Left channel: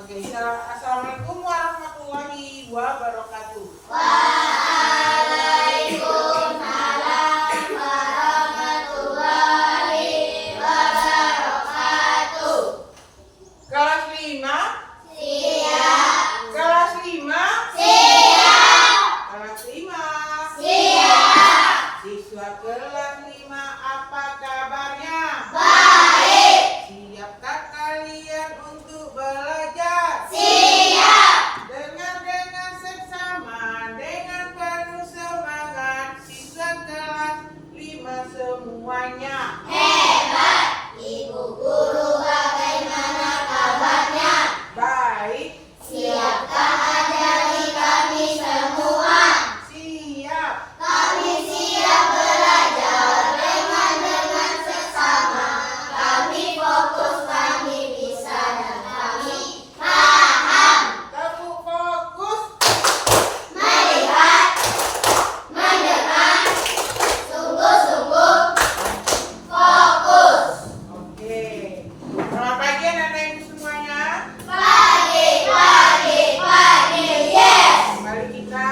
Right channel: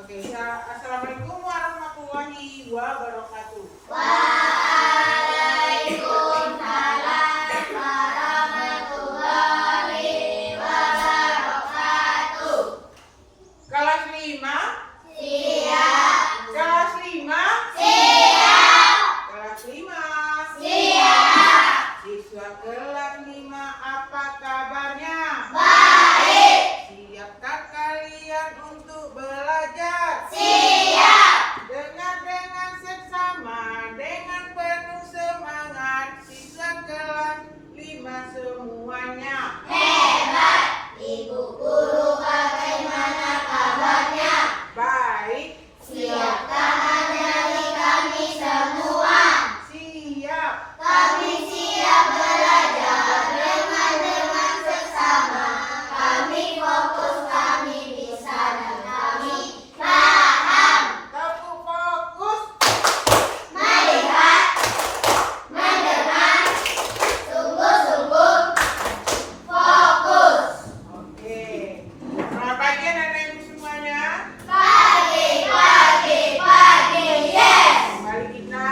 Oke, assalamualaikum warahmatullahi wabarakatuh. Waalaikumsalam warahmatullahi wabarakatuh. Kelas 5? Siap. Kelas 5? Siap. Kelas 5? Siap. Siswa kelas 5, apa kabarnya? Baik. Siapkah kalian untuk belajar? Siap. Dengan seksama, dengan penuh semangat, siswa kelas 5 semuanya. Hebat. Ibu guru bagaimana kabarnya? Baik. Siapkah ajari kami semua? Siap. Kami siap belajar dengan seksama. Kami fokus, kami bisa dan kami paham. Tepuk fokus. Melihat, mendengar, sungguh-sungguh fokus. Oke. Selamat pagi anak-anak ibu semuanya. Pagi, yes. Kembali kita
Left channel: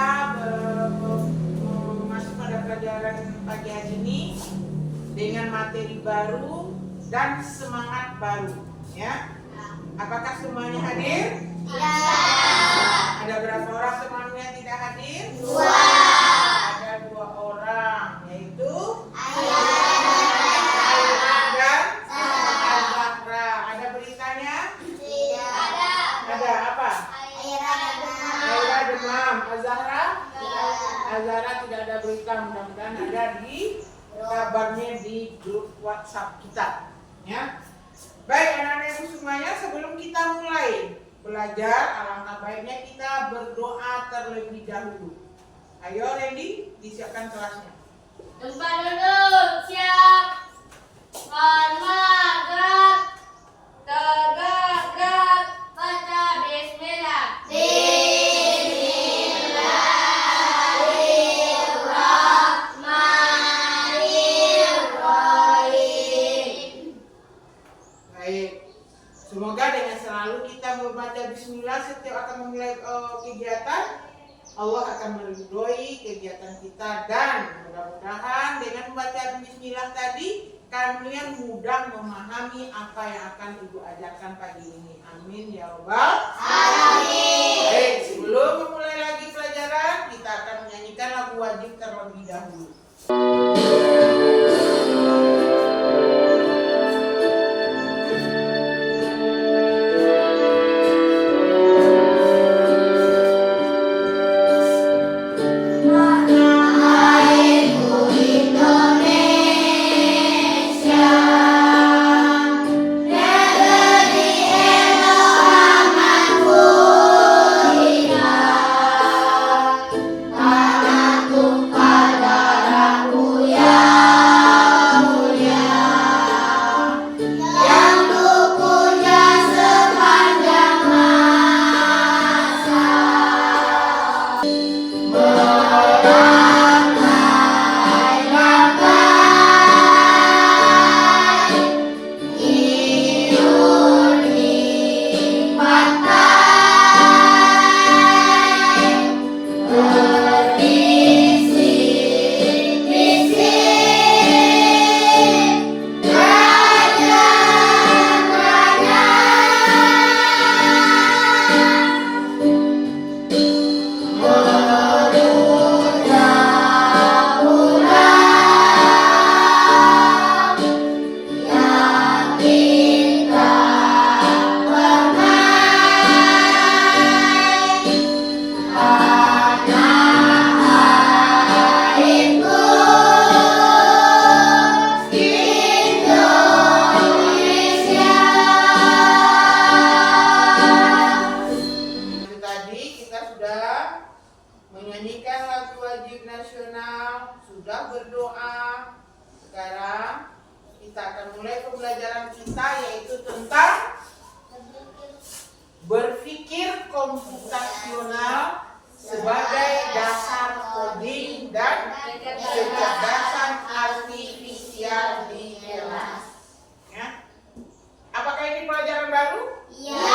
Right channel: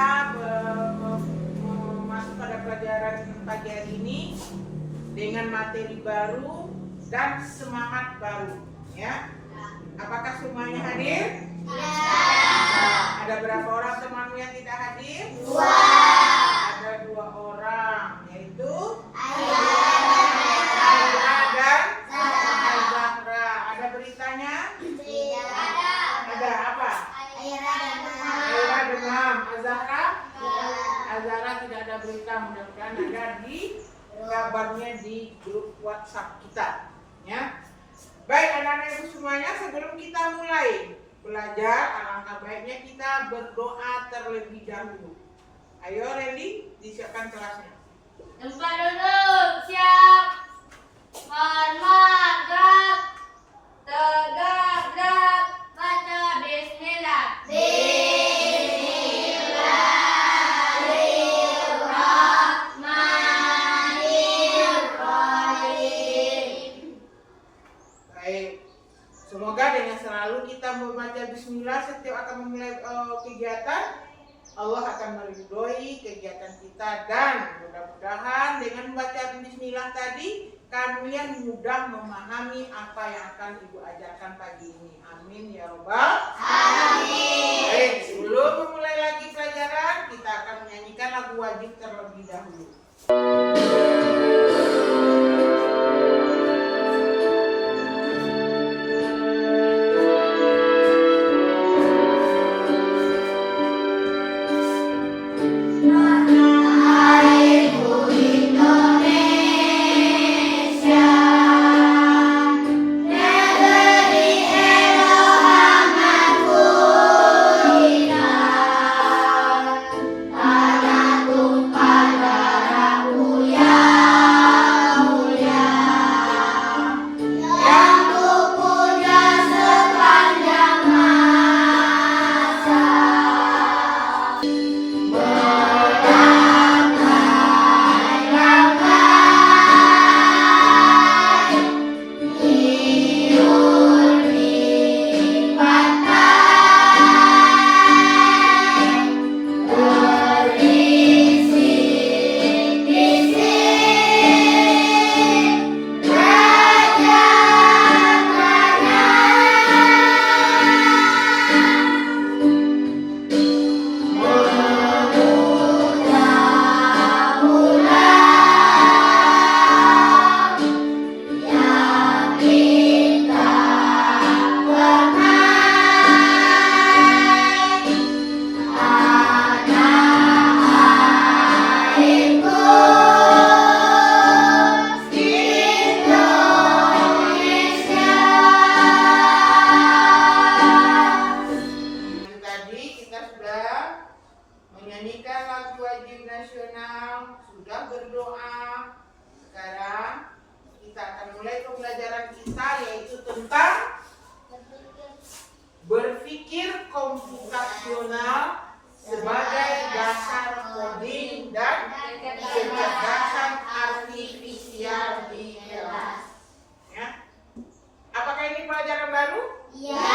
masuk pada pelajaran pagi hari ini dengan materi baru dan semangat baru, ya. Apakah semuanya hadir? Ya. Ada berapa orang temannya yang tidak hadir? 2. Ada 2 orang, yaitu Ayah Aira dan Zahra. Zahra. Ada beritanya? Tidak ada. Ada apa? Aira Aira demam. Zahra? Tidak. Zahra tidak ada berita, mudah-mudahan ada di kabarnya di grup WhatsApp kita, ya. Baik anak-anak ibu semuanya, sebelum kita mulai belajar, alangkah baiknya kita berdoa terlebih dahulu. Ayo Randy, disiapkan kelasnya. Tempat duduk siap. Hormat gerak. Tegak gerak. Baca bismillah. Bismillahirrahmanirrahim. Baik, semoga dengan selalu kita membaca bismillah setiap akan memulai kegiatan, Allah akan meridhoi kegiatan kita, dan mudah-mudahan dengan membaca bismillah tadi kalian mudah memahami apa yang akan ibu ajarkan pagi ini. Amin ya robbal Amin. Baik, sebelum memulai lagi pelajaran, kita akan menyanyikan lagu wajib terlebih dahulu. Airku Indonesia, negeri Erohamanku indah, tanah tumpah darahku yang mulia, yang kupunya sepanjang masa. Tadi kita sudah menyanyikan lagu wajib nasional, sudah berdoa. Sekarang kita akan mulai pembelajaran kita, yaitu tentang berpikir komputasional sebagai dasar coding dan kecerdasan artifisial di kelas. Ya. Apakah ini pelajaran baru? Ya.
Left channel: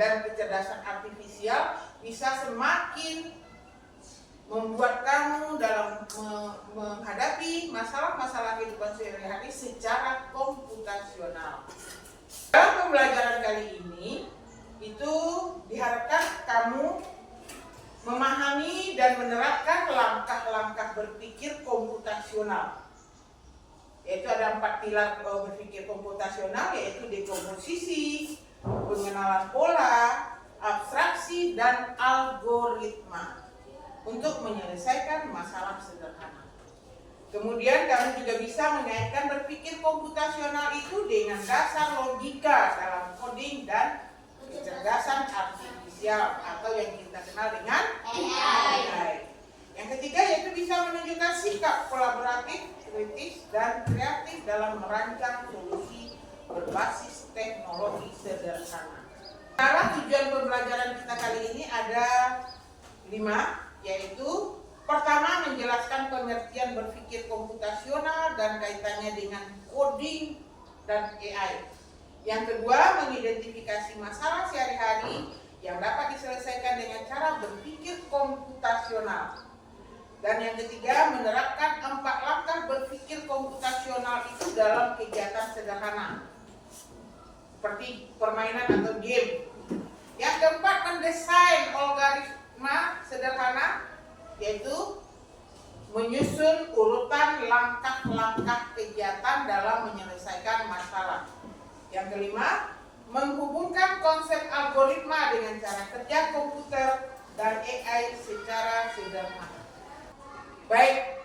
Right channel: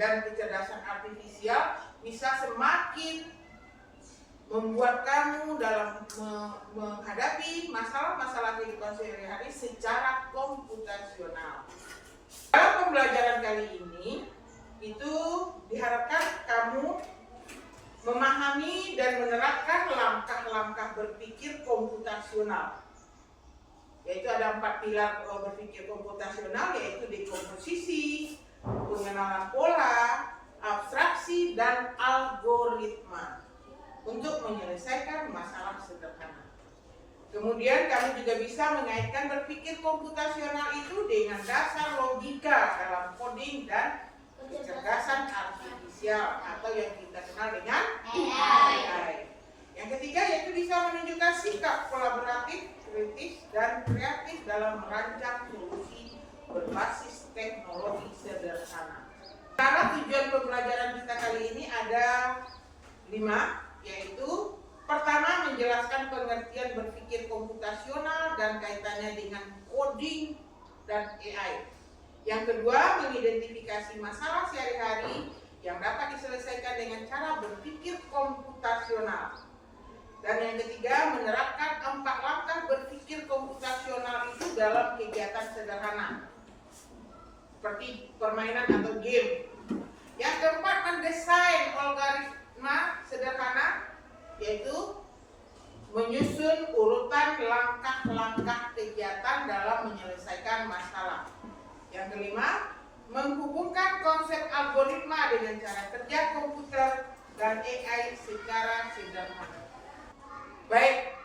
dan kecerdasan artifisial bisa semakin membuat kamu dalam menghadapi masalah-masalah kehidupan sehari-hari secara komputasional. Dalam pembelajaran kali ini, itu diharapkan kamu memahami dan menerapkan langkah-langkah berpikir komputasional. Yaitu ada 4 pilar berpikir komputasional, yaitu dekomposisi, pengenalan pola, abstraksi, dan algoritma untuk menyelesaikan masalah sederhana. Kemudian kamu juga bisa mengaitkan berpikir komputasional itu dengan dasar logika dalam coding dan kecerdasan artifisial atau yang kita kenal dengan AI. Yang ketiga yaitu bisa menunjukkan sikap kolaboratif, kritis, dan kreatif dalam merancang solusi berbasis teknologi sederhana. Cara tujuan pembelajaran kita kali ini ada 5, yaitu pertama menjelaskan pengertian berpikir komputasional dan kaitannya dengan coding dan AI. Yang kedua, mengidentifikasi masalah sehari-hari yang dapat diselesaikan dengan cara berpikir komputasional. Dan yang ketiga, menerapkan 4 langkah berpikir komputasional itu dalam kegiatan sederhana, seperti permainan atau game. Yang keempat, mendesain algoritma sederhana, yaitu menyusun urutan langkah-langkah kegiatan dalam menyelesaikan masalah. Yang kelima, menghubungkan konsep algoritma dengan cara kerja komputer dan AI secara sederhana. Baik,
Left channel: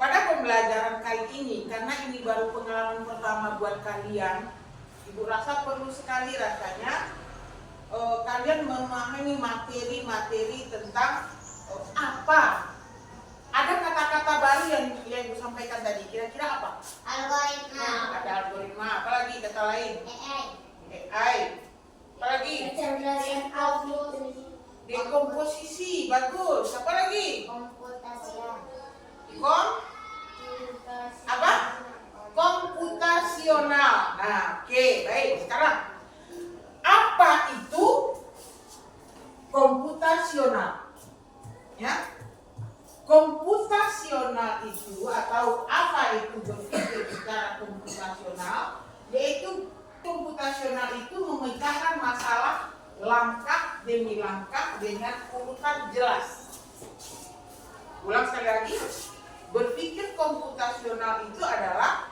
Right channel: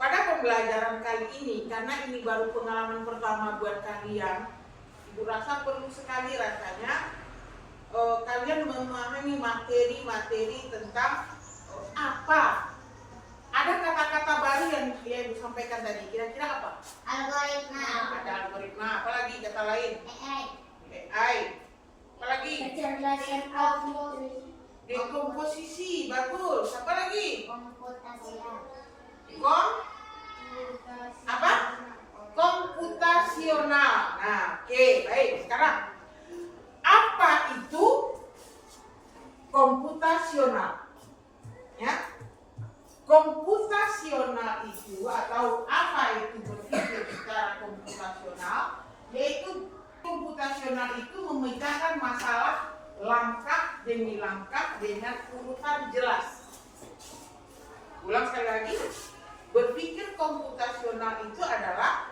pada pembelajaran kali ini, karena ini baru pengalaman pertama buat kalian, Ibu rasa perlu sekali rasanya kalian memahami materi-materi tentang apa. Ada kata-kata baru yang Ibu sampaikan tadi, kira-kira apa? Algoritma. Ada algoritma, apa lagi kata lain? AI. Apa lagi? Kecerdasan artifisial. Dekomposisi, bagus. Apa lagi? Apa? Komputasional. Nah, oke, baik. Sekarang, apa itu komputasional? Ya, komputasional itu atau apa itu berpikir secara komputasional? Yaitu komputasional itu memecahkan masalah langkah demi langkah dengan urutan jelas. Ulang sekali lagi, berpikir komputasional itu adalah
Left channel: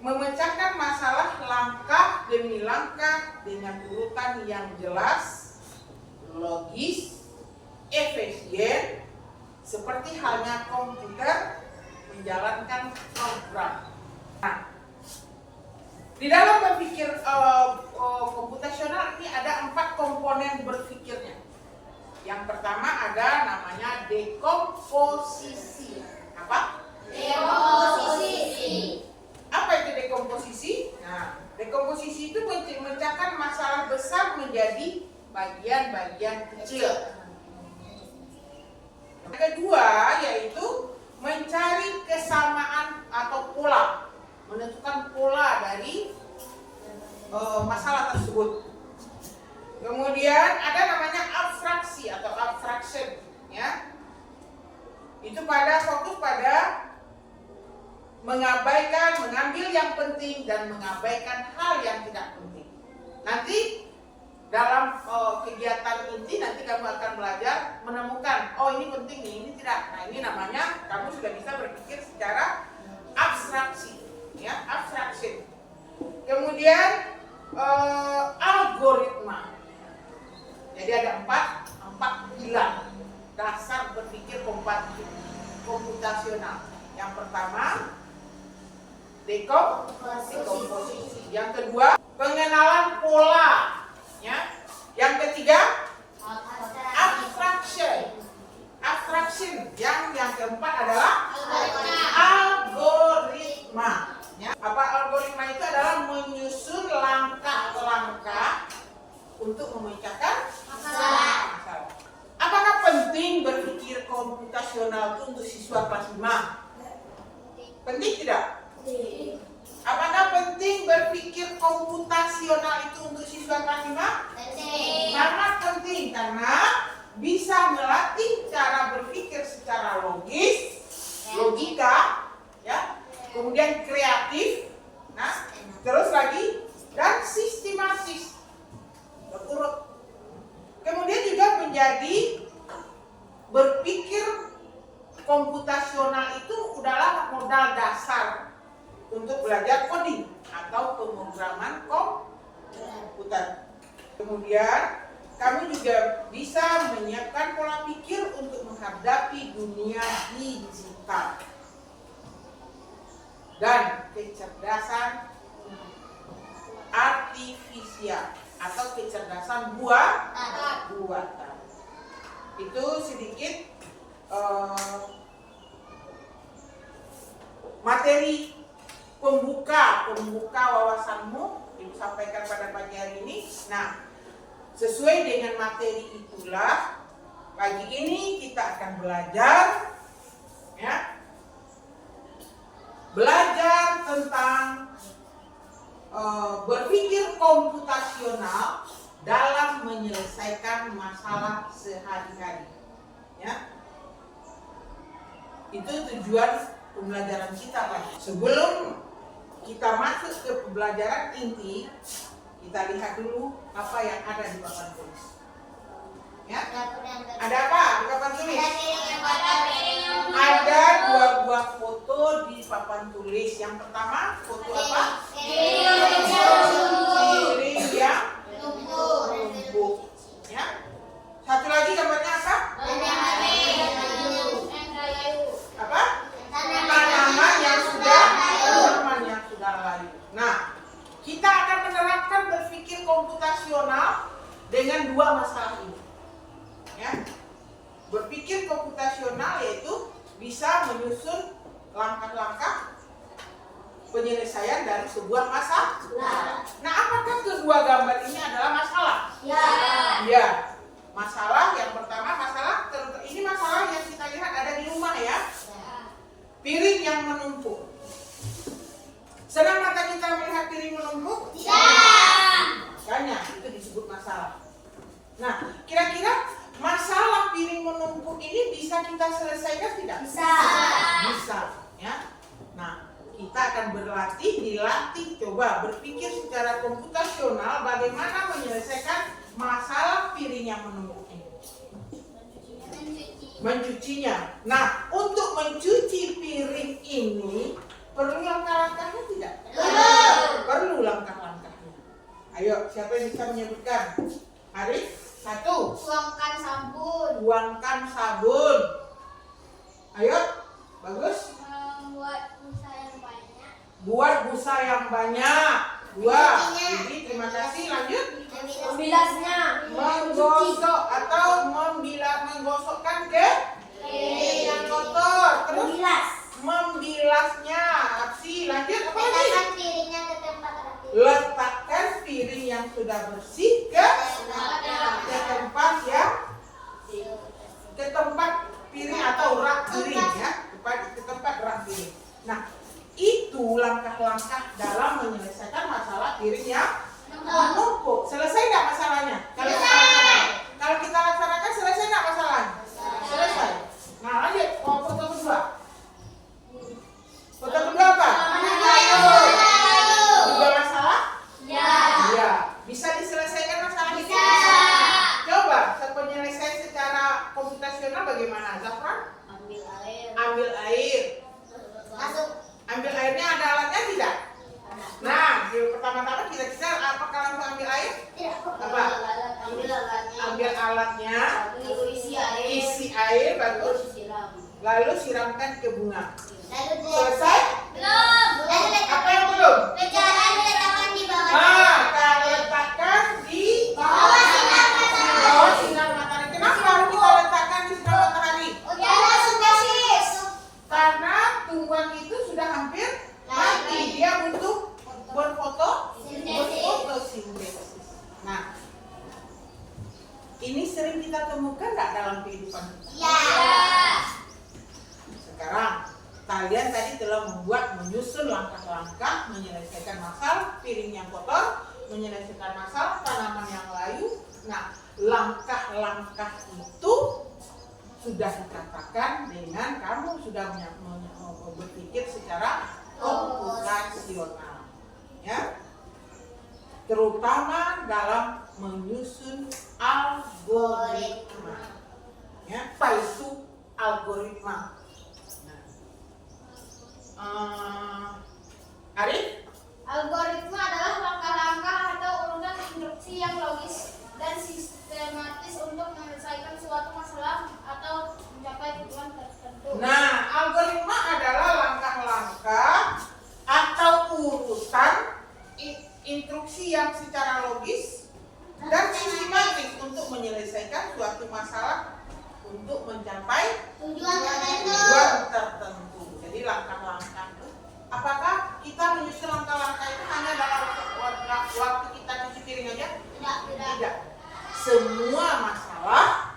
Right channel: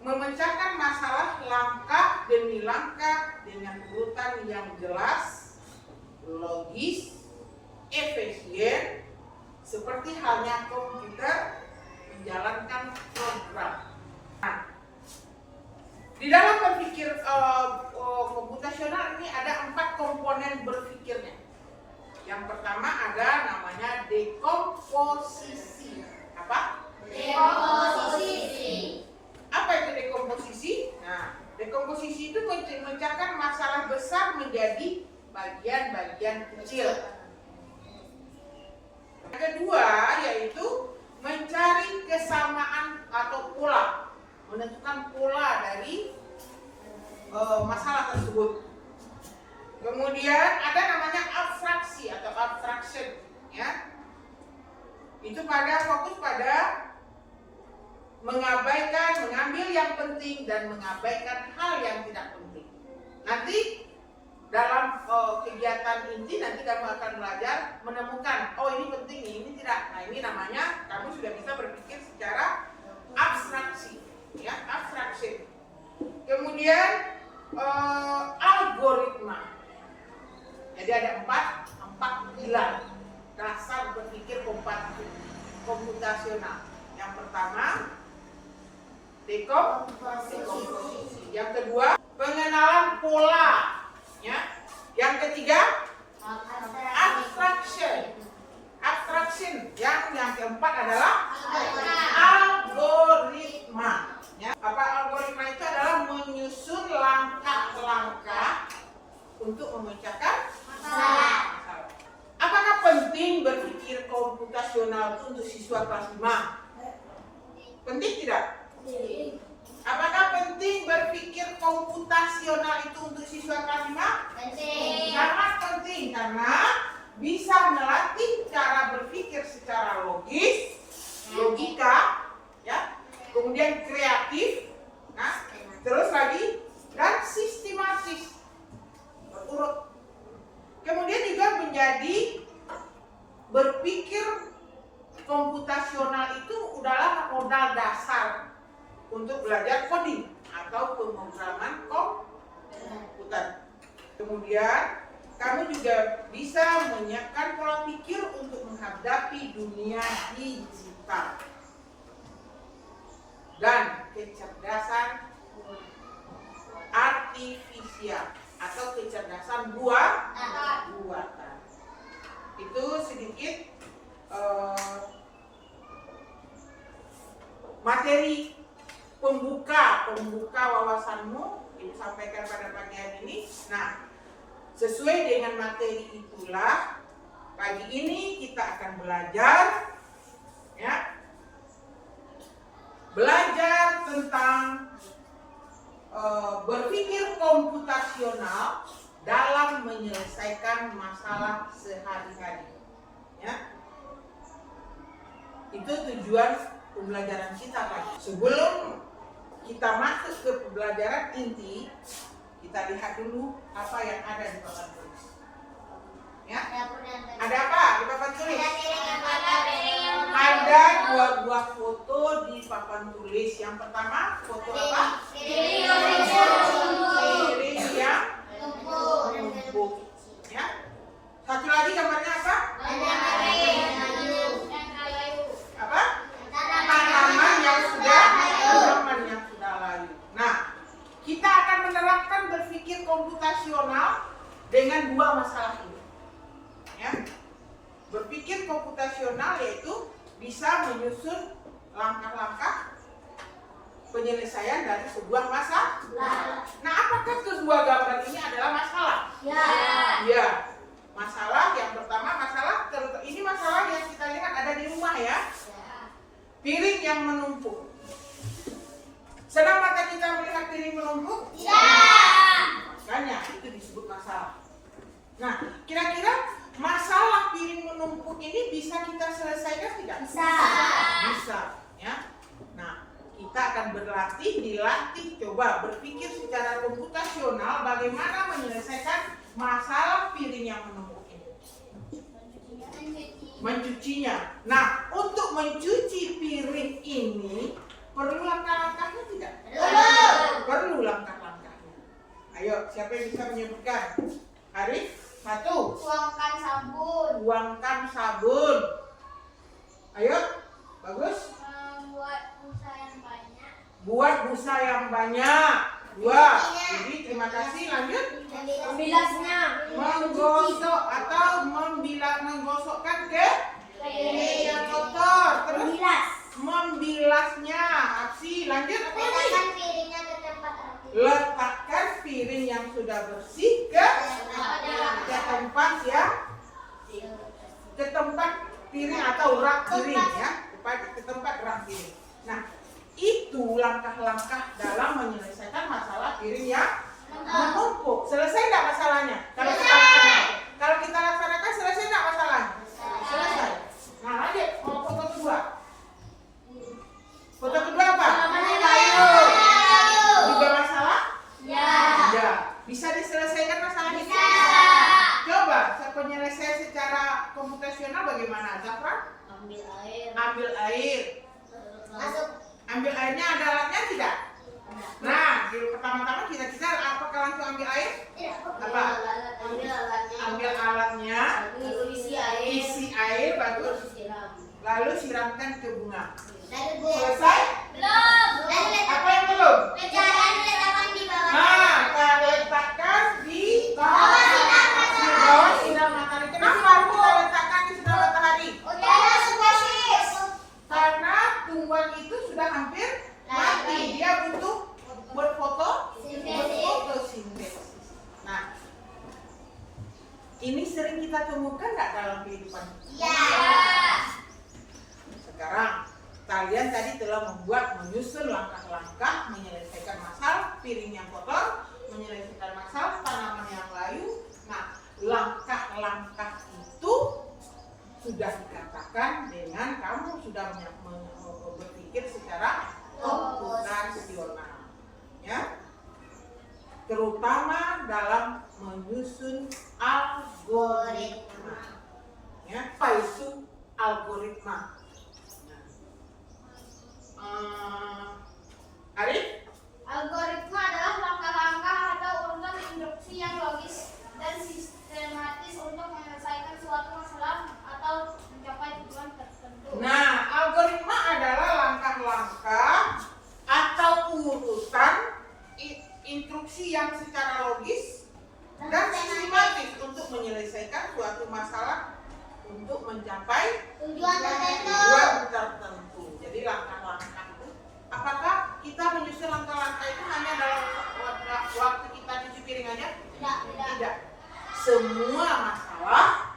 memecahkan masalah langkah demi langkah dengan urutan yang jelas, logis, efisien, seperti halnya komputer menjalankan program. Nah, di dalam berpikir komputasional ini ada 4 komponen berpikirnya. Yang pertama ada namanya dekomposisi. Apa? Dekomposisi. Apa itu dekomposisi? Nah, dekomposisi itu memecahkan masalah besar menjadi bagian-bagian kecil. Yang kedua yaitu mencari kesamaan atau pola, menentukan pola dari masalah tersebut. Kemudian ada namanya abstraksi atau abstraction, ya. Itu fokus pada mengambil yang penting dan mengabaikan hal yang tidak penting. Nanti dalam kegiatan inti nanti kamu akan belajar menemukan, oh ini penting nih, ini tidak. Nah ini namanya kamu sudah bisa berpikir secara abstraksi, ya, abstraction. Kemudian algoritma. Jadi ada empat pilar dasar berpikir komputasional. Yang pertama dekomposisi. Yang kedua pengenalan pola, ya. Yang ketiga abstraction. Yang keempat adalah algoritma. Ya. Apa algoritma itu adalah menyusun langkah-langkah untuk memecahkan masalah. Apakah penting berpikir komputasional itu untuk siswa kelas 5? Penting tidak? Apakah penting berpikir komputasional itu untuk siswa kelas 5? Penting. Sangat penting karena bisa melatih cara berpikir secara logis, logika, ya, kemudian kreatif, nah, terus lagi dan sistematis, berurut. Kemudian juga menjadi berpikir komputasional itu adalah modal dasar untuk belajar coding atau pemrograman komputer. Kemudian kamu juga bisa menyiapkan pola pikir untuk menghadapi dunia digital dan kecerdasan artifisial atau kecerdasan buatan. Itu sedikit materi pembuka wawasanmu yang disampaikan pada pagi hari ini. Nah, sesuai dengan materi itulah pagi ini kita akan belajar, ya, belajar tentang berpikir komputasional dalam menyelesaikan masalah sehari-hari, ya. Itu tujuan pembelajaran kita kan. Sebelum kita masuk ke pembelajaran inti, kita lihat dulu apa yang ada di papan tulis. Ya? Ada apa di papan tulis? Ada 2 buah foto di papan tulis. Yang pertama, foto apa? Piring yang menumpuk. Ya? Satu lagi gambarnya apa? Apa? Tanaman yang sudah layu. Nah, kita akan menerapkan berpikir komputasional dengan 2 masalah ini. Ya. Berpikir komputasional yaitu bisa menyusun langkah-langkah penyelesaian dari sebuah masalah. Nah, apakah kedua gambar ini adalah masalah? Ya. Masalah yang pertama, ini masalah yang kita lihat ada di rumah, ya. Piring yang menumpuk. Senang mata kita melihat piring menumpuk? Makanya itu disebut masalah. Nah, kira-kira masalah piring menumpuk ini bisa kita selesaikan tidak? Bisa, ya. Nah, kita akan dilatih coba berpikir secara komputasional bagaimana menyelesaikan masalah piring yang menumpuk ini. Mencucinya. Nah, untuk mencuci piring ini perlu langkah-langkahnya tidak? Perlu langkah-langkahnya. Ayo, siapa yang bisa menyebutkan? Arif, 1. Tuangkan sabun. Ayo, bagus. Buat busa yang banyak. 2. Jadi terima kasih. Lanjut. Membilasnya. Menggosok atau menggosokkan ke piring yang kotor. Terus membilasnya. Apsi, lanjut apa lagi? Letakkan piring yang sudah bersih ke tempat ya, ke tempat piring atau rak piring, ya, ke tempat rak piring. Nah, itu langkah-langkah dalam menyelesaikan masalah piring yang menumpuk. Selesai nggak masalahnya? Kalau kita laksanakan selesai nggak masalahnya? Selesai. Nah, lanjut. Mau foto kedua. Foto kedua apa? Juga masalah? Ya. Bisa diselesaikan masalah ini? Coba penyelesaian secara komputasional bagaimana? Zafran? Ambil air. Ambil airnya ada alatnya tidak? Nah, pertama-tama kita apakah langsung ambil air? Apa? Ambil alatnya. Isi air, bagus. Lalu siramkan ke bunga. Selesai? Apa yang belum? Nah, letakkan di bawah sinar matahari. Kenapa harus kita letakkan di sinar matahari? Karena tumbuhan itu sudah hampir mati. Dia butuh berfotosintesis. Nah, ini sering kita temukan nggak dalam kehidupan kita? Sekarang kalian tadi telah menyusun langkah-langkah menyelesaikan masalah piring yang kotor, menyelesaikan terapkan dengan kamu sudah berpikir secara komputasional, ya, terutama dalam menyusun algoritma, ya. Apa itu algoritma? Arif? Algoritma adalah langkah-langkah atau urutan instruksi yang logis dan sistematis untuk menyelesaikan suatu masalah atau mencapai tujuan tertentu. Nah, algoritma adalah langkah-langkah atau urutan instruksi yang secara logis dan sistematis untuk menyelesaikan suatu masalah untuk mencapai Tujuan tertentu. tujuan tertentu. Jadi langkah-langkah itu, apakah kita menyusun langkah-langkah itu hanya dalam waktu kita cuci piring aja? Tidak. Semua masalah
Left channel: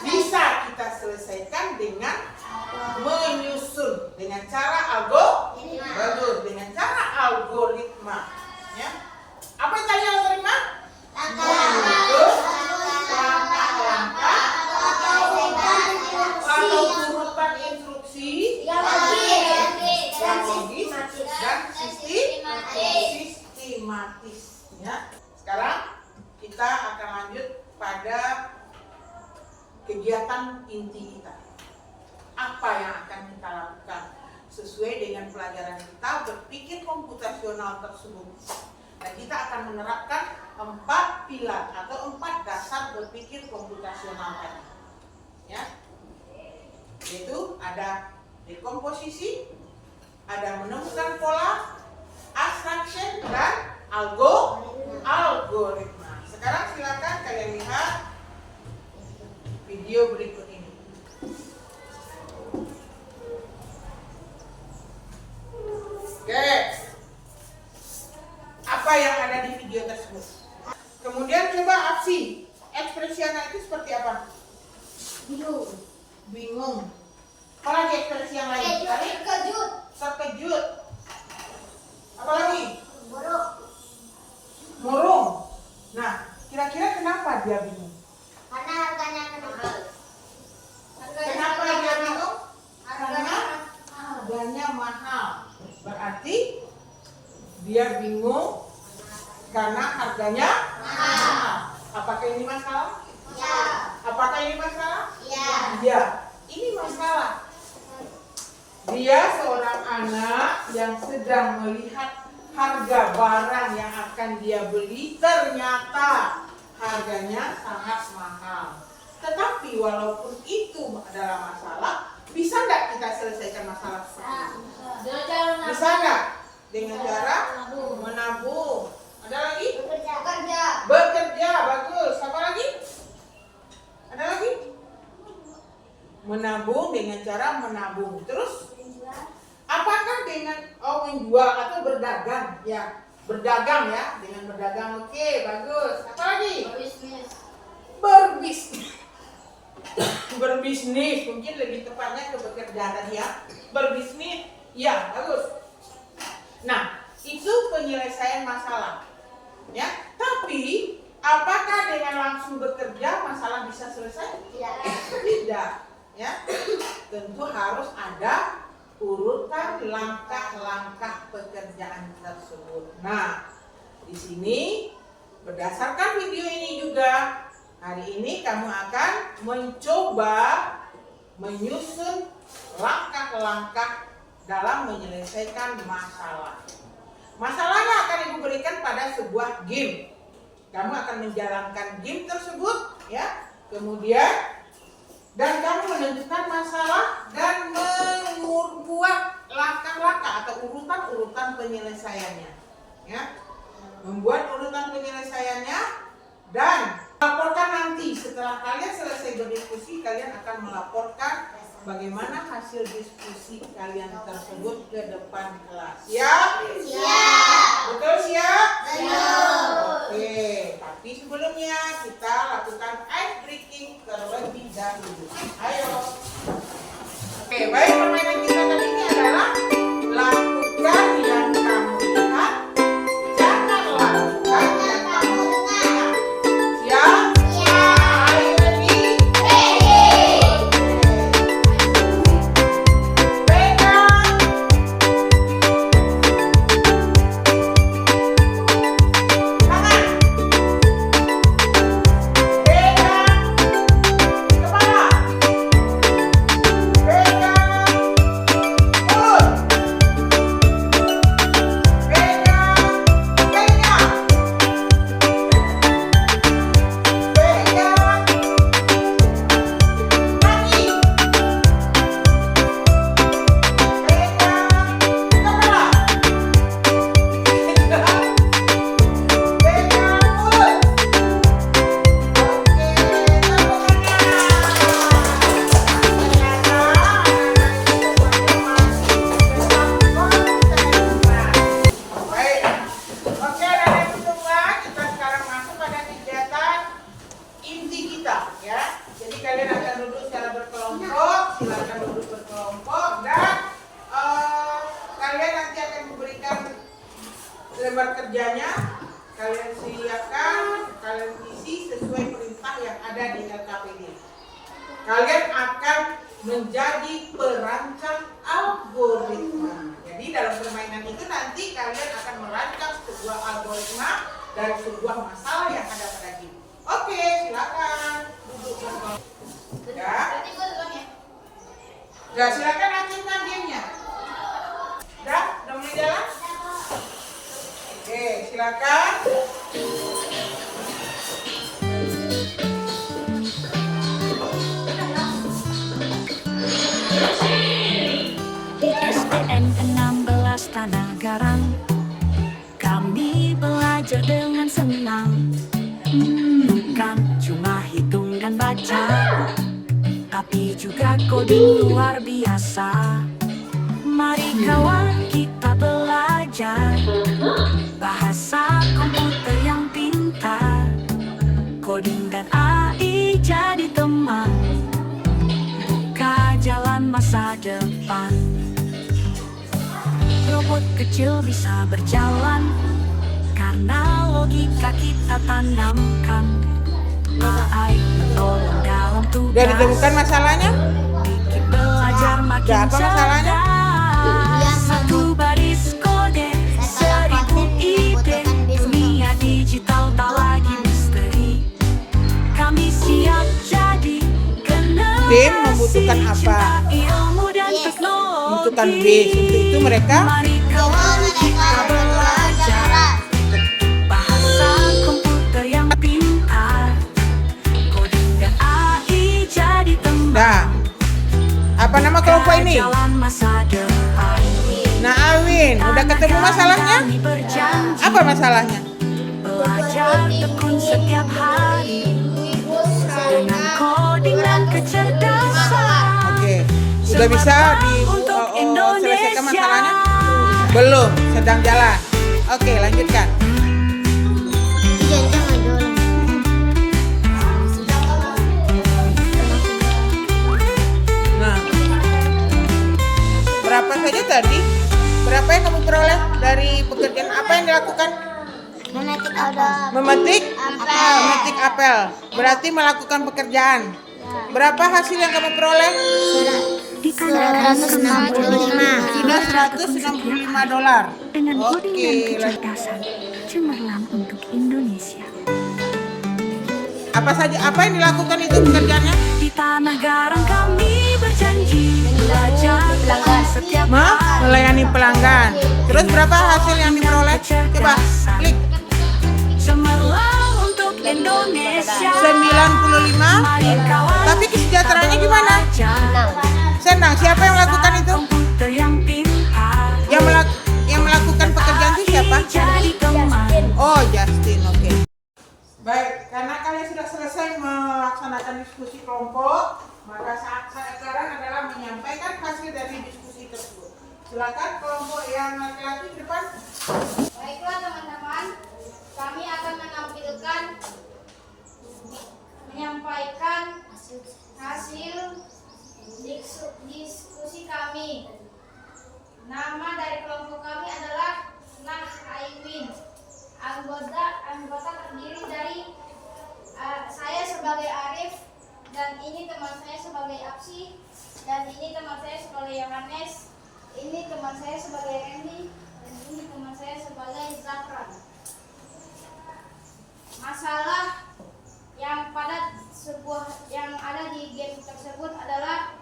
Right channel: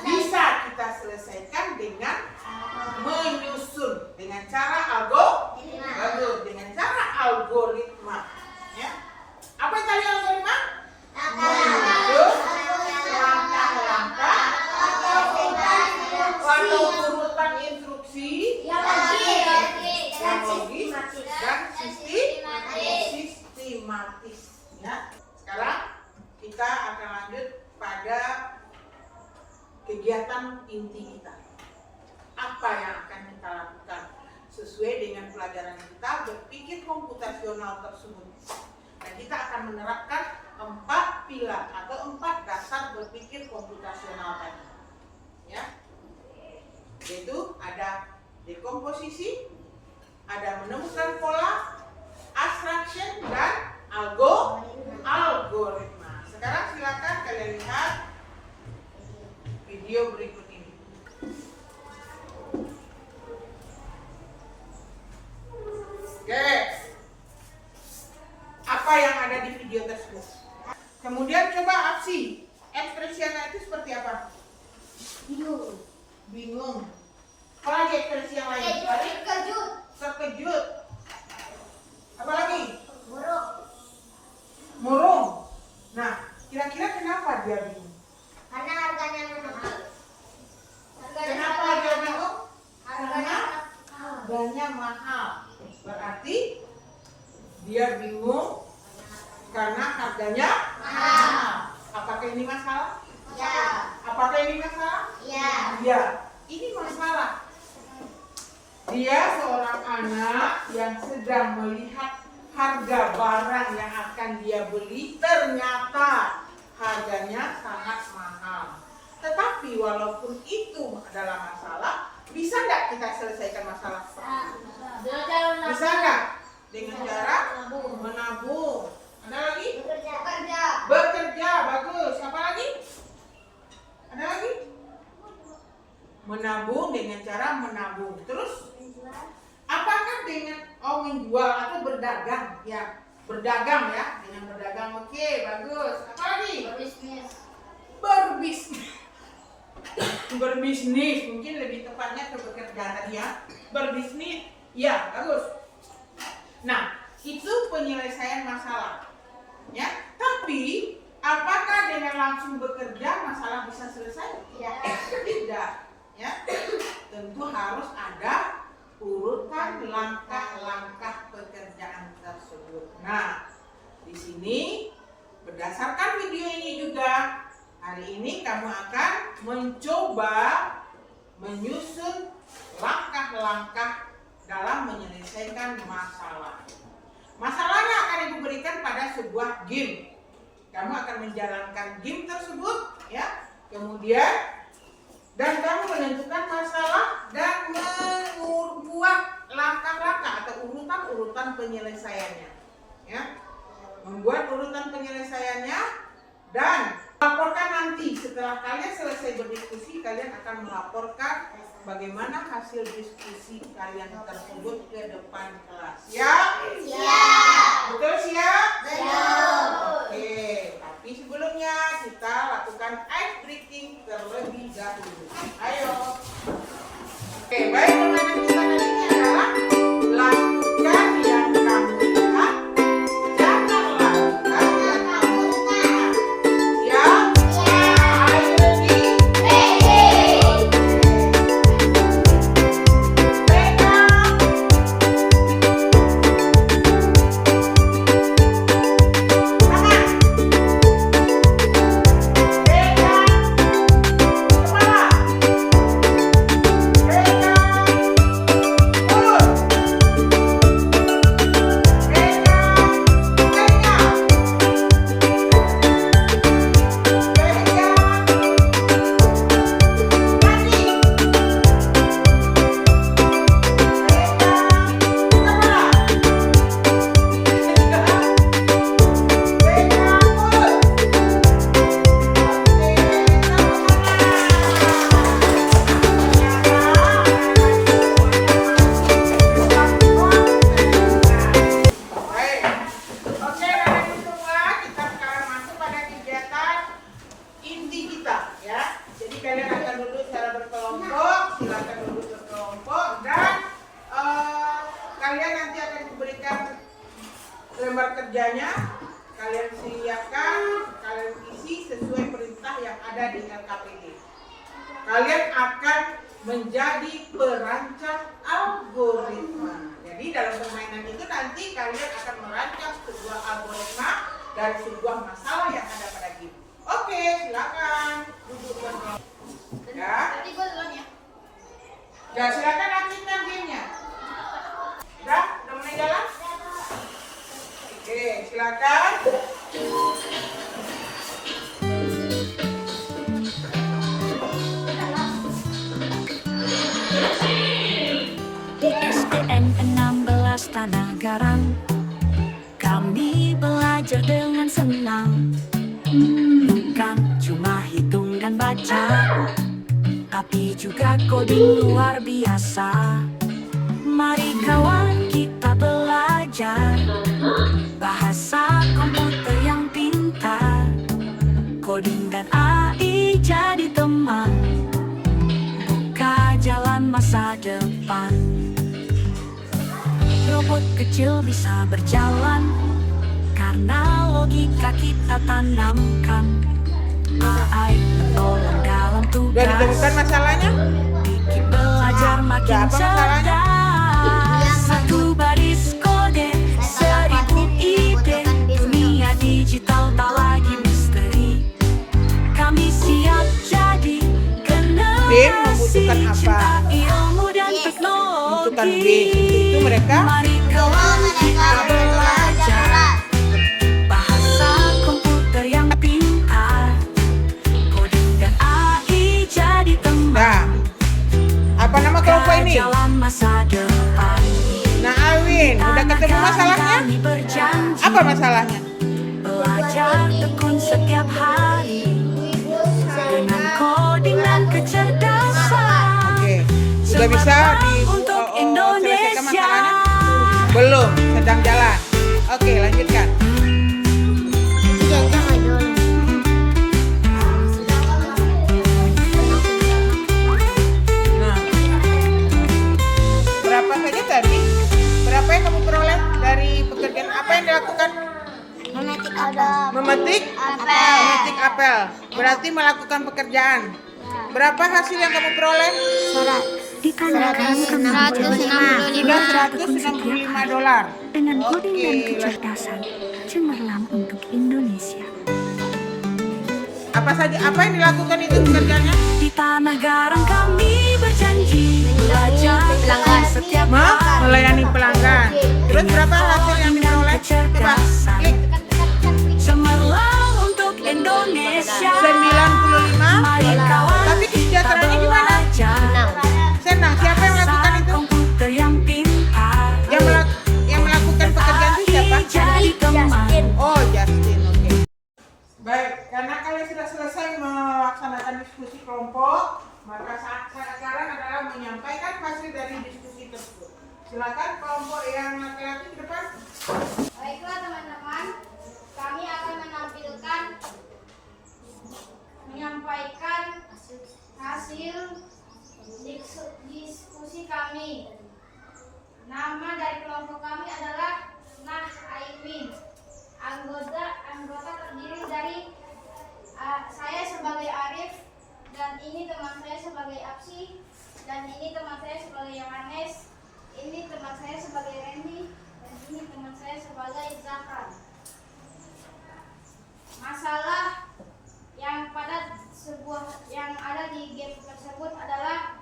bisa kita selesaikan dengan menyusun dengan cara dengan cara algoritma, ya. Apa tadi algoritma? Menyusun langkah-langkah atau urutan instruksi Yang logis dan sistematis, ya. Sekarang kita akan lanjut pada kegiatan inti kita. Apa yang akan kita lakukan sesuai dengan pelajaran kita berpikir komputasional tersebut. Nah, kita akan menerapkan 4 pilar atau 4 dasar berpikir komputasional tadi, ya. Yaitu ada dekomposisi, ada menemukan pola, abstraction, dan algoritma. Sekarang silakan kalian lihat video berikut ini. Oke, apa yang ada di video tersebut? Kemudian coba aksi ekspresinya itu seperti apa? Bingung. Apalagi ekspresi yang lain? Terkejut. Apalagi? Murung. Nah, kira-kira kenapa dia bingung? Karena harganya mahal. Kenapa dia bingung? Karena harganya mahal. Berarti dia bingung karena harganya mahal. Apakah ini masalah? Ya. Apakah ini masalah? Ya. Ya, ini masalah. Dia seorang anak yang sedang melihat harga barang yang akan dia beli, ternyata harganya sangat mahal. Tetapi walaupun itu adalah masalah, bisa nggak kita selesaikan masalah seperti itu? Bisa nggak? Dengan cara menabung. Ada lagi? Bekerja, bagus. Apa lagi? Ada lagi? Menabung dengan cara menabung. Terus? Apakah dengan menjual atau berdagang? Ya, berdagang ya, dengan berdagang. Oke, bagus. Apa lagi? Berbisnis. Mungkin lebih tepatnya ke bekerja tadi ya. Berbisnis. Ya, bagus. Nah, itu penyelesaian masalah. Ya, tapi apakah dengan langsung bekerja masalah bisa selesai? Tidak. Ya, tentu harus ada urutan langkah-langkah pekerjaan tersebut. Nah, di sini berdasarkan video ini juga, hari ini kamu akan mencoba menyusun langkah-langkah dalam menyelesaikan masalah. Masalahnya akan Ibu berikan pada sebuah game. Kamu akan menjalankan game tersebut, ya. Kemudian dan kamu menentukan masalah dan membuat langkah-langkah atau urutan-urutan penyelesaiannya, ya. Membuat urutan penyelesaiannya dan laporkan nanti setelah kalian selesai berdiskusi, kalian akan melaporkan bagaimana hasil diskusi kalian tersebut ke depan kelas. Siap? Siap. Betul siap? Siap. Oke, tapi sebelumnya kita lakukan ice breaking terlebih dahulu. Ayo. Oke, baik, permainan kita kali ini adalah lakukan yang kamu lihat, jangan lakukan yang kamu dengar. Siap? Are you ready? Oke. ada di LKPD. Kalian akan menjadi perancang algoritma. Jadi dalam permainan itu nanti kalian akan merancang sebuah algoritma dari sebuah masalah yang ada pada game. Oke, silakan duduk bersama. Ya. Berarti gue duluan ya. Ya, silakan aktifkan gamenya. Udah mulai jalan? Oke, silakan. Di SDN 16 Tanah Garang, kami belajar dengan senang. Bukan cuma hitung dan baca, tapi juga coding luar biasa. Mari kawan kita belajar bahasa komputer yang pintar. Coding dan AI jadi teman, buka jalan masa depan. Robot kecil bisa berjalan karena logika kita tanamkan. AI menolong dalam Udah ditemukan tugas, masalahnya? bikin belajar makin Apa masalahnya? cerdas. Satu baris kode, 1000 ide. Dunia digital tak lagi misteri. Kami siap jadi generasi membutuhkan apa? cinta ilmu dan Membutuhkan B. teknologi. Untuk itu mereka Mari kawan kita belajar bahasa komputer yang pintar. Coding dan AI jadi teman. Nah, apa nama kelompok ini? Jalan masa depan. Nah, Alwin, udah ketemu masalahnya? Kami berjanji Apa masalahnya? belajar tekun setiap hari dengan coding dan kecerdasan. Oke, sudah bisa untuk selesaikan Indonesia. masalahnya? Belum, sedang jalan. Oke, lanjutkan. Nah, berapa saja tadi? Berapa yang kamu peroleh dari pekerjaan apa yang dilakukan? Memetik ada. Memetik? Apel. Memetik apel. Berarti melakukan pekerjaan. Berapa hasil yang kamu peroleh? Dikarenakan kemampuan Sudah $165. dengan coding dan Oke, kecerdasan cemerlang untuk Indonesia. apa saja? Apa yang dilakukan itu pekerjaannya? Di Tanah Garang kami berjanji belajar tekun setiap Ma, hari. melayani pelanggan. Terus berapa hasil yang diperoleh? Coba klik. Cemerlang untuk Indonesia. 95. Mari kawan Tapi kesejahteraannya gimana? belajar Senang. Siapa yang melakukan bahasa itu? komputer yang pintar. Yang melakukan pekerjaan itu siapa? AI jadi teman. Oh, Justin. Oke. Baik, karena kalian sudah selesai melaksanakan diskusi kelompok, maka saat sekarang adalah menyampaikan hasil dari diskusi tersebut. Silakan kelompok yang laki-laki di depan. Baiklah teman-teman, kami akan menyampaikan hasil diskusi kami. Nama dari kelompok kami adalah Nah Aiwin. Anggota terdiri dari saya sebagai Arif, dan ini teman saya sebagai Apsi, dan ini teman saya sebagai Yohanes, ini teman saya sebagai Randy, dan ini teman saya sebagai Zafran. Masalah yang ada di game tersebut adalah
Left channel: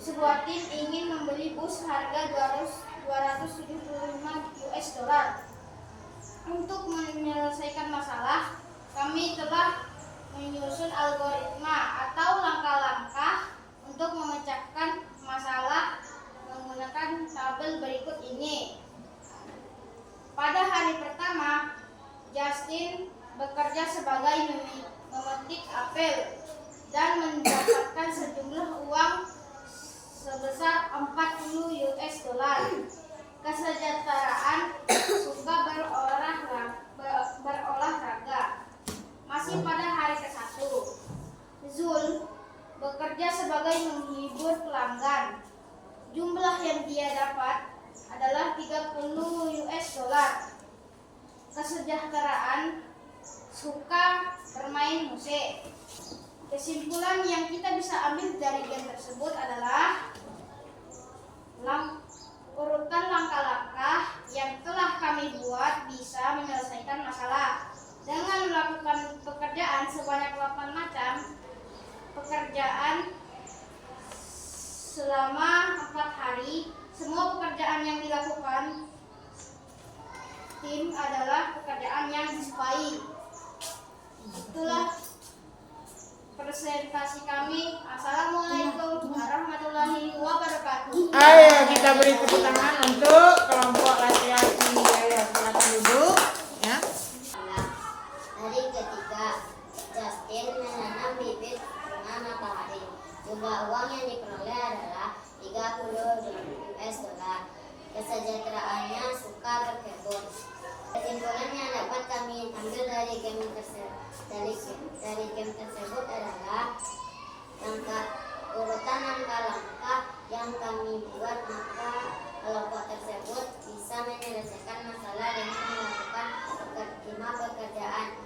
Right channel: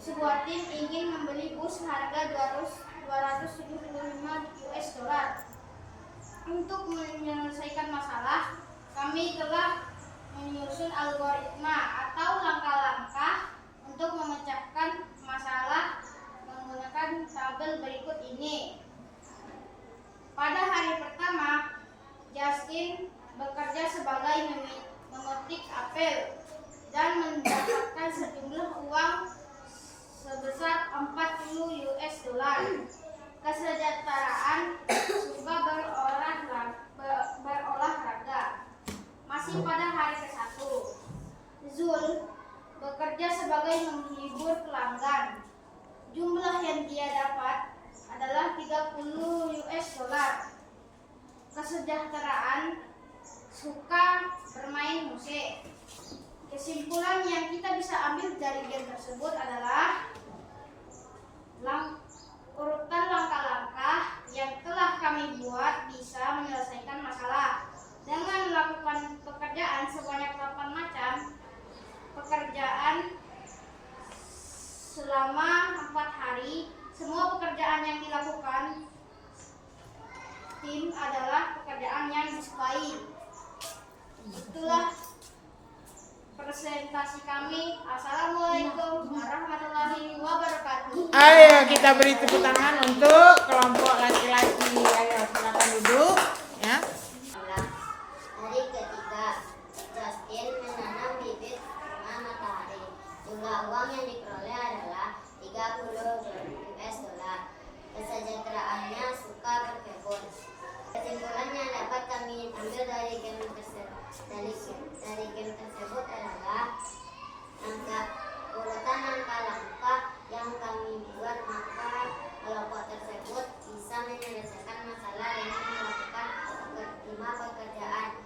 sebuah tim ingin membeli bus harga 275 US dollar. Untuk menyelesaikan masalah, kami telah menyusun algoritma atau langkah-langkah untuk memecahkan masalah menggunakan tabel berikut ini. Pada hari pertama, Justin bekerja sebagai memetik apel dan mendapatkan sejumlah uang sebesar 40 US dollar. Kesejahteraan suka berolahraga. Masih pada hari ke-1, Zul bekerja sebagai menghibur pelanggan. Jumlah yang dia dapat adalah 30 US dollar. Kesejahteraan suka bermain musik. Kesimpulan yang kita bisa ambil dari game tersebut adalah urutan langkah-langkah yang telah kami buat bisa menyelesaikan masalah. Dengan melakukan pekerjaan sebanyak 8 macam pekerjaan selama 4 hari, semua pekerjaan yang dilakukan tim adalah pekerjaan yang disukai. Itulah presentasi kami. Assalamualaikum warahmatullahi wabarakatuh. Ayo kita beri tepuk tangan untuk kelompok laki-laki. Ayo silakan duduk. Ya. Hari ketiga, Justin menanam bibit bunga matahari. Jumlah uang yang diperoleh adalah 30 US dollar. Kesejahteraannya suka berkebun. Kesimpulan yang dapat kami ambil dari game tersebut adalah urutan langkah-langkah yang kami buat, maka kelompok tersebut bisa menyelesaikan masalah dengan melakukan 5 pekerjaan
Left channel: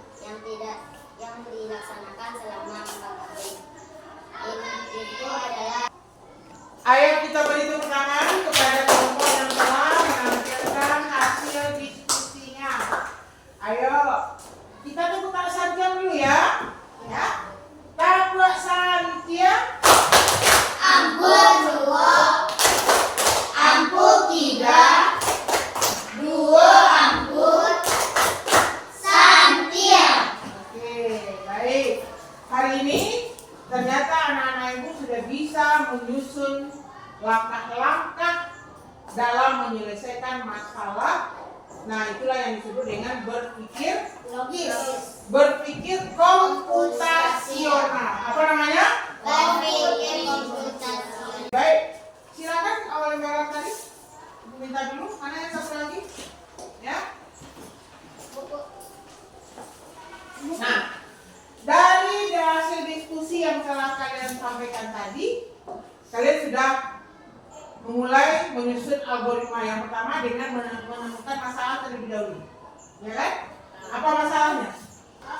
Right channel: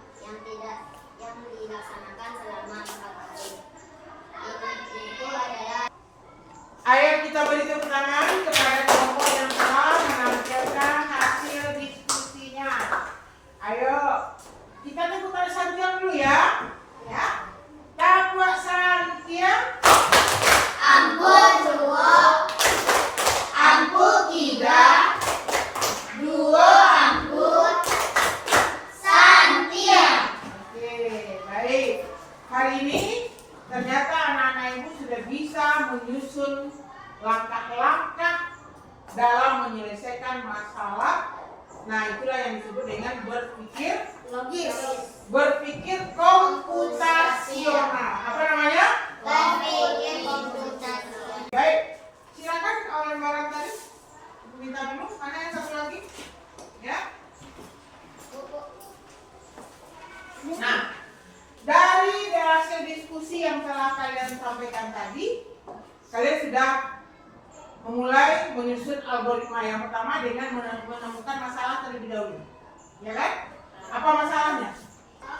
yang dilaksanakan selama 4 hari. Itu adalah. Ayo kita beri tepuk tangan kepada kelompok yang telah menampilkan hasil diskusinya. Ayo kita tepuk tangan saja dulu ya. Ya. Tangguh santia. Ampun dua, Ampun tiga. dua ampun, santia. Oke, baik. Hari ini ternyata anak-anak ibu sudah bisa menyusun langkah-langkah dalam menyelesaikan masalah. Nah, itulah yang disebut dengan berpikir Logis. berpikir komputasional. Apa namanya? Berpikir komputasi. Baik, silakan oleh merah tadi. Aku minta dulu. Mana yang satu lagi? Ya. Nah, dari hasil diskusi yang telah kalian sampaikan tadi, kalian sudah memulai menyusun algoritma. Yang pertama dengan menemukan masalah terlebih dahulu. Ya kan? Apa masalahnya?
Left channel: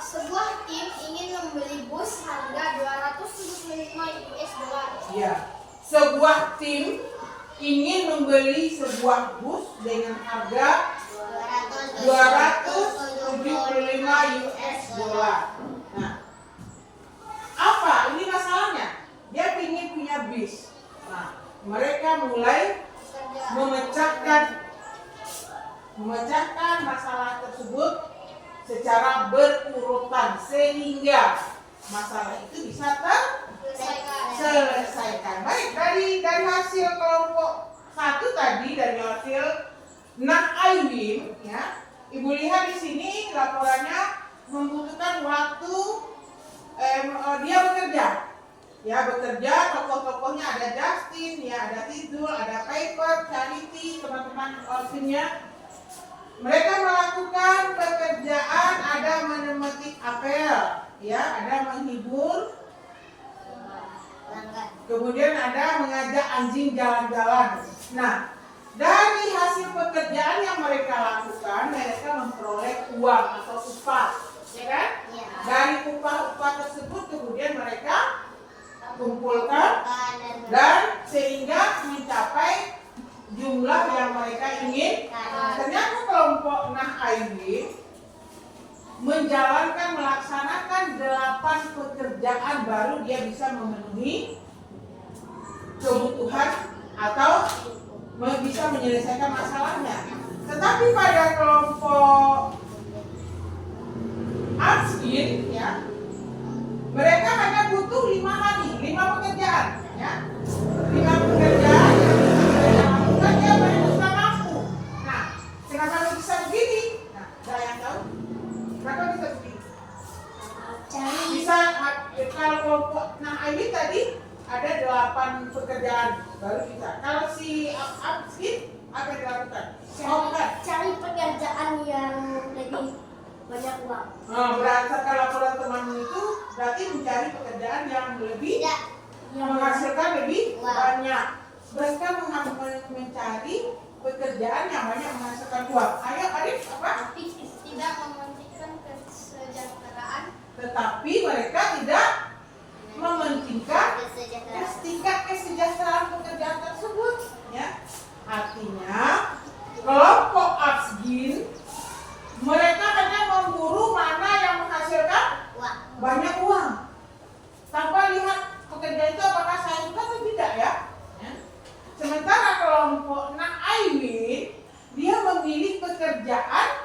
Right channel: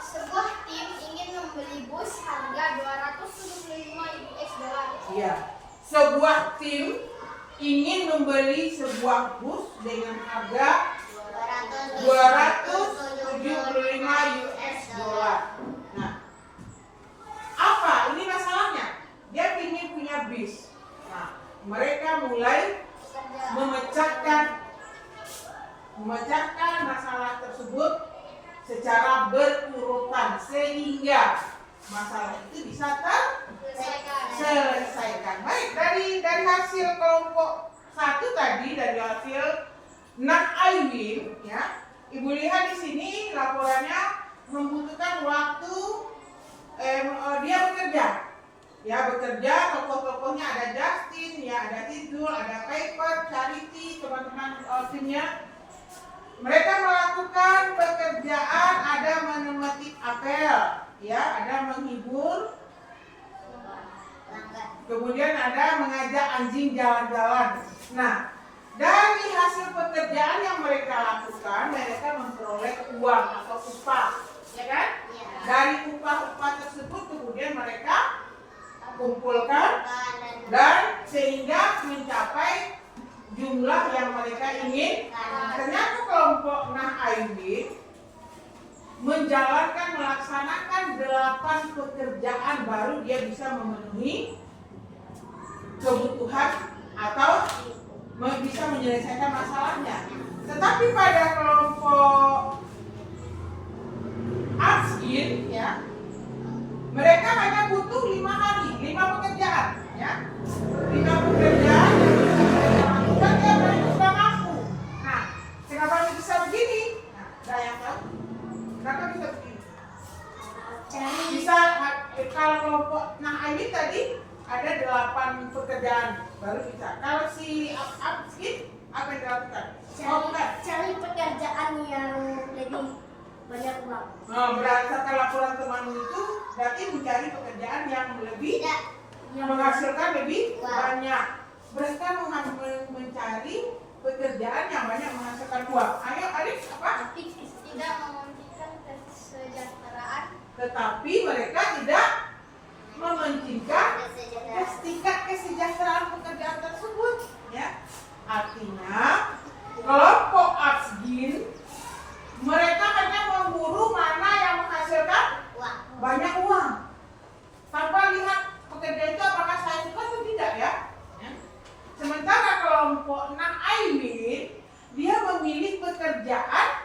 Sebuah tim ingin membeli bus harga 275 US dollar. Iya. Sebuah tim ingin membeli sebuah bus dengan harga 275 US dollar. Nah, apa ini masalahnya? Dia ingin punya bis. Nah, mereka mulai memecahkan masalah tersebut secara berurutan sehingga masalah itu bisa terselesaikan. Baik, dari hasil kelompok 1 tadi, dari hasil Nak Aiwin, ya, Ibu lihat di sini laporannya membutuhkan waktu dia bekerja. Ya, bekerja, tokoh-tokohnya ada Justin, ya, ada Tidul, ada Piper, Charity, teman-teman timnya. Mereka melakukan pekerjaan, ada memetik apel, ya, ada menghibur, kemudian ada mengajak anjing jalan-jalan. Nah, dari hasil pekerjaan yang mereka lakukan, mereka memperoleh uang atau upah, ya kan? Ya. Dari upah-upah tersebut kemudian mereka kumpulkan dan sehingga mencapai jumlah yang mereka ingin. Ternyata kelompok Nah Aiwin melaksanakan 8 pekerjaan baru dia bisa memenuhi kebutuhan atau bisa menyelesaikan masalahnya. Tetapi pada kelompok Arskin, ya, mereka hanya butuh 5 hari, 5 pekerjaan, ya. 5 pekerjaan yang dilakukan dia bisa mampu. Nah, kenapa bisa begini? Nah, ada yang tahu? Kenapa bisa begini? Bisa kalau kelompok Nah Aiwin tadi ada 8 pekerjaan baru bisa. Kalau si Arskin apa yang dilakukan? Cari pekerjaan yang lebih banyak uang. Berdasarkan laporan teman itu berarti mencari pekerjaan yang lebih menghasilkan lebih banyak. Mereka mencari pekerjaan yang banyak menghasilkan uang. Ayo Arif, apa? Tidak mementingkan kesejahteraan tetapi mereka tidak mementingkan tingkat kesejahteraan pekerjaan tersebut. Ya, artinya kelompok Asgin mereka hanya memburu mana yang menghasilkan banyak uang, tanpa lihat pekerja itu apakah saya suka atau tidak ya. Sementara kelompok Na'iwin dia memilih pekerjaan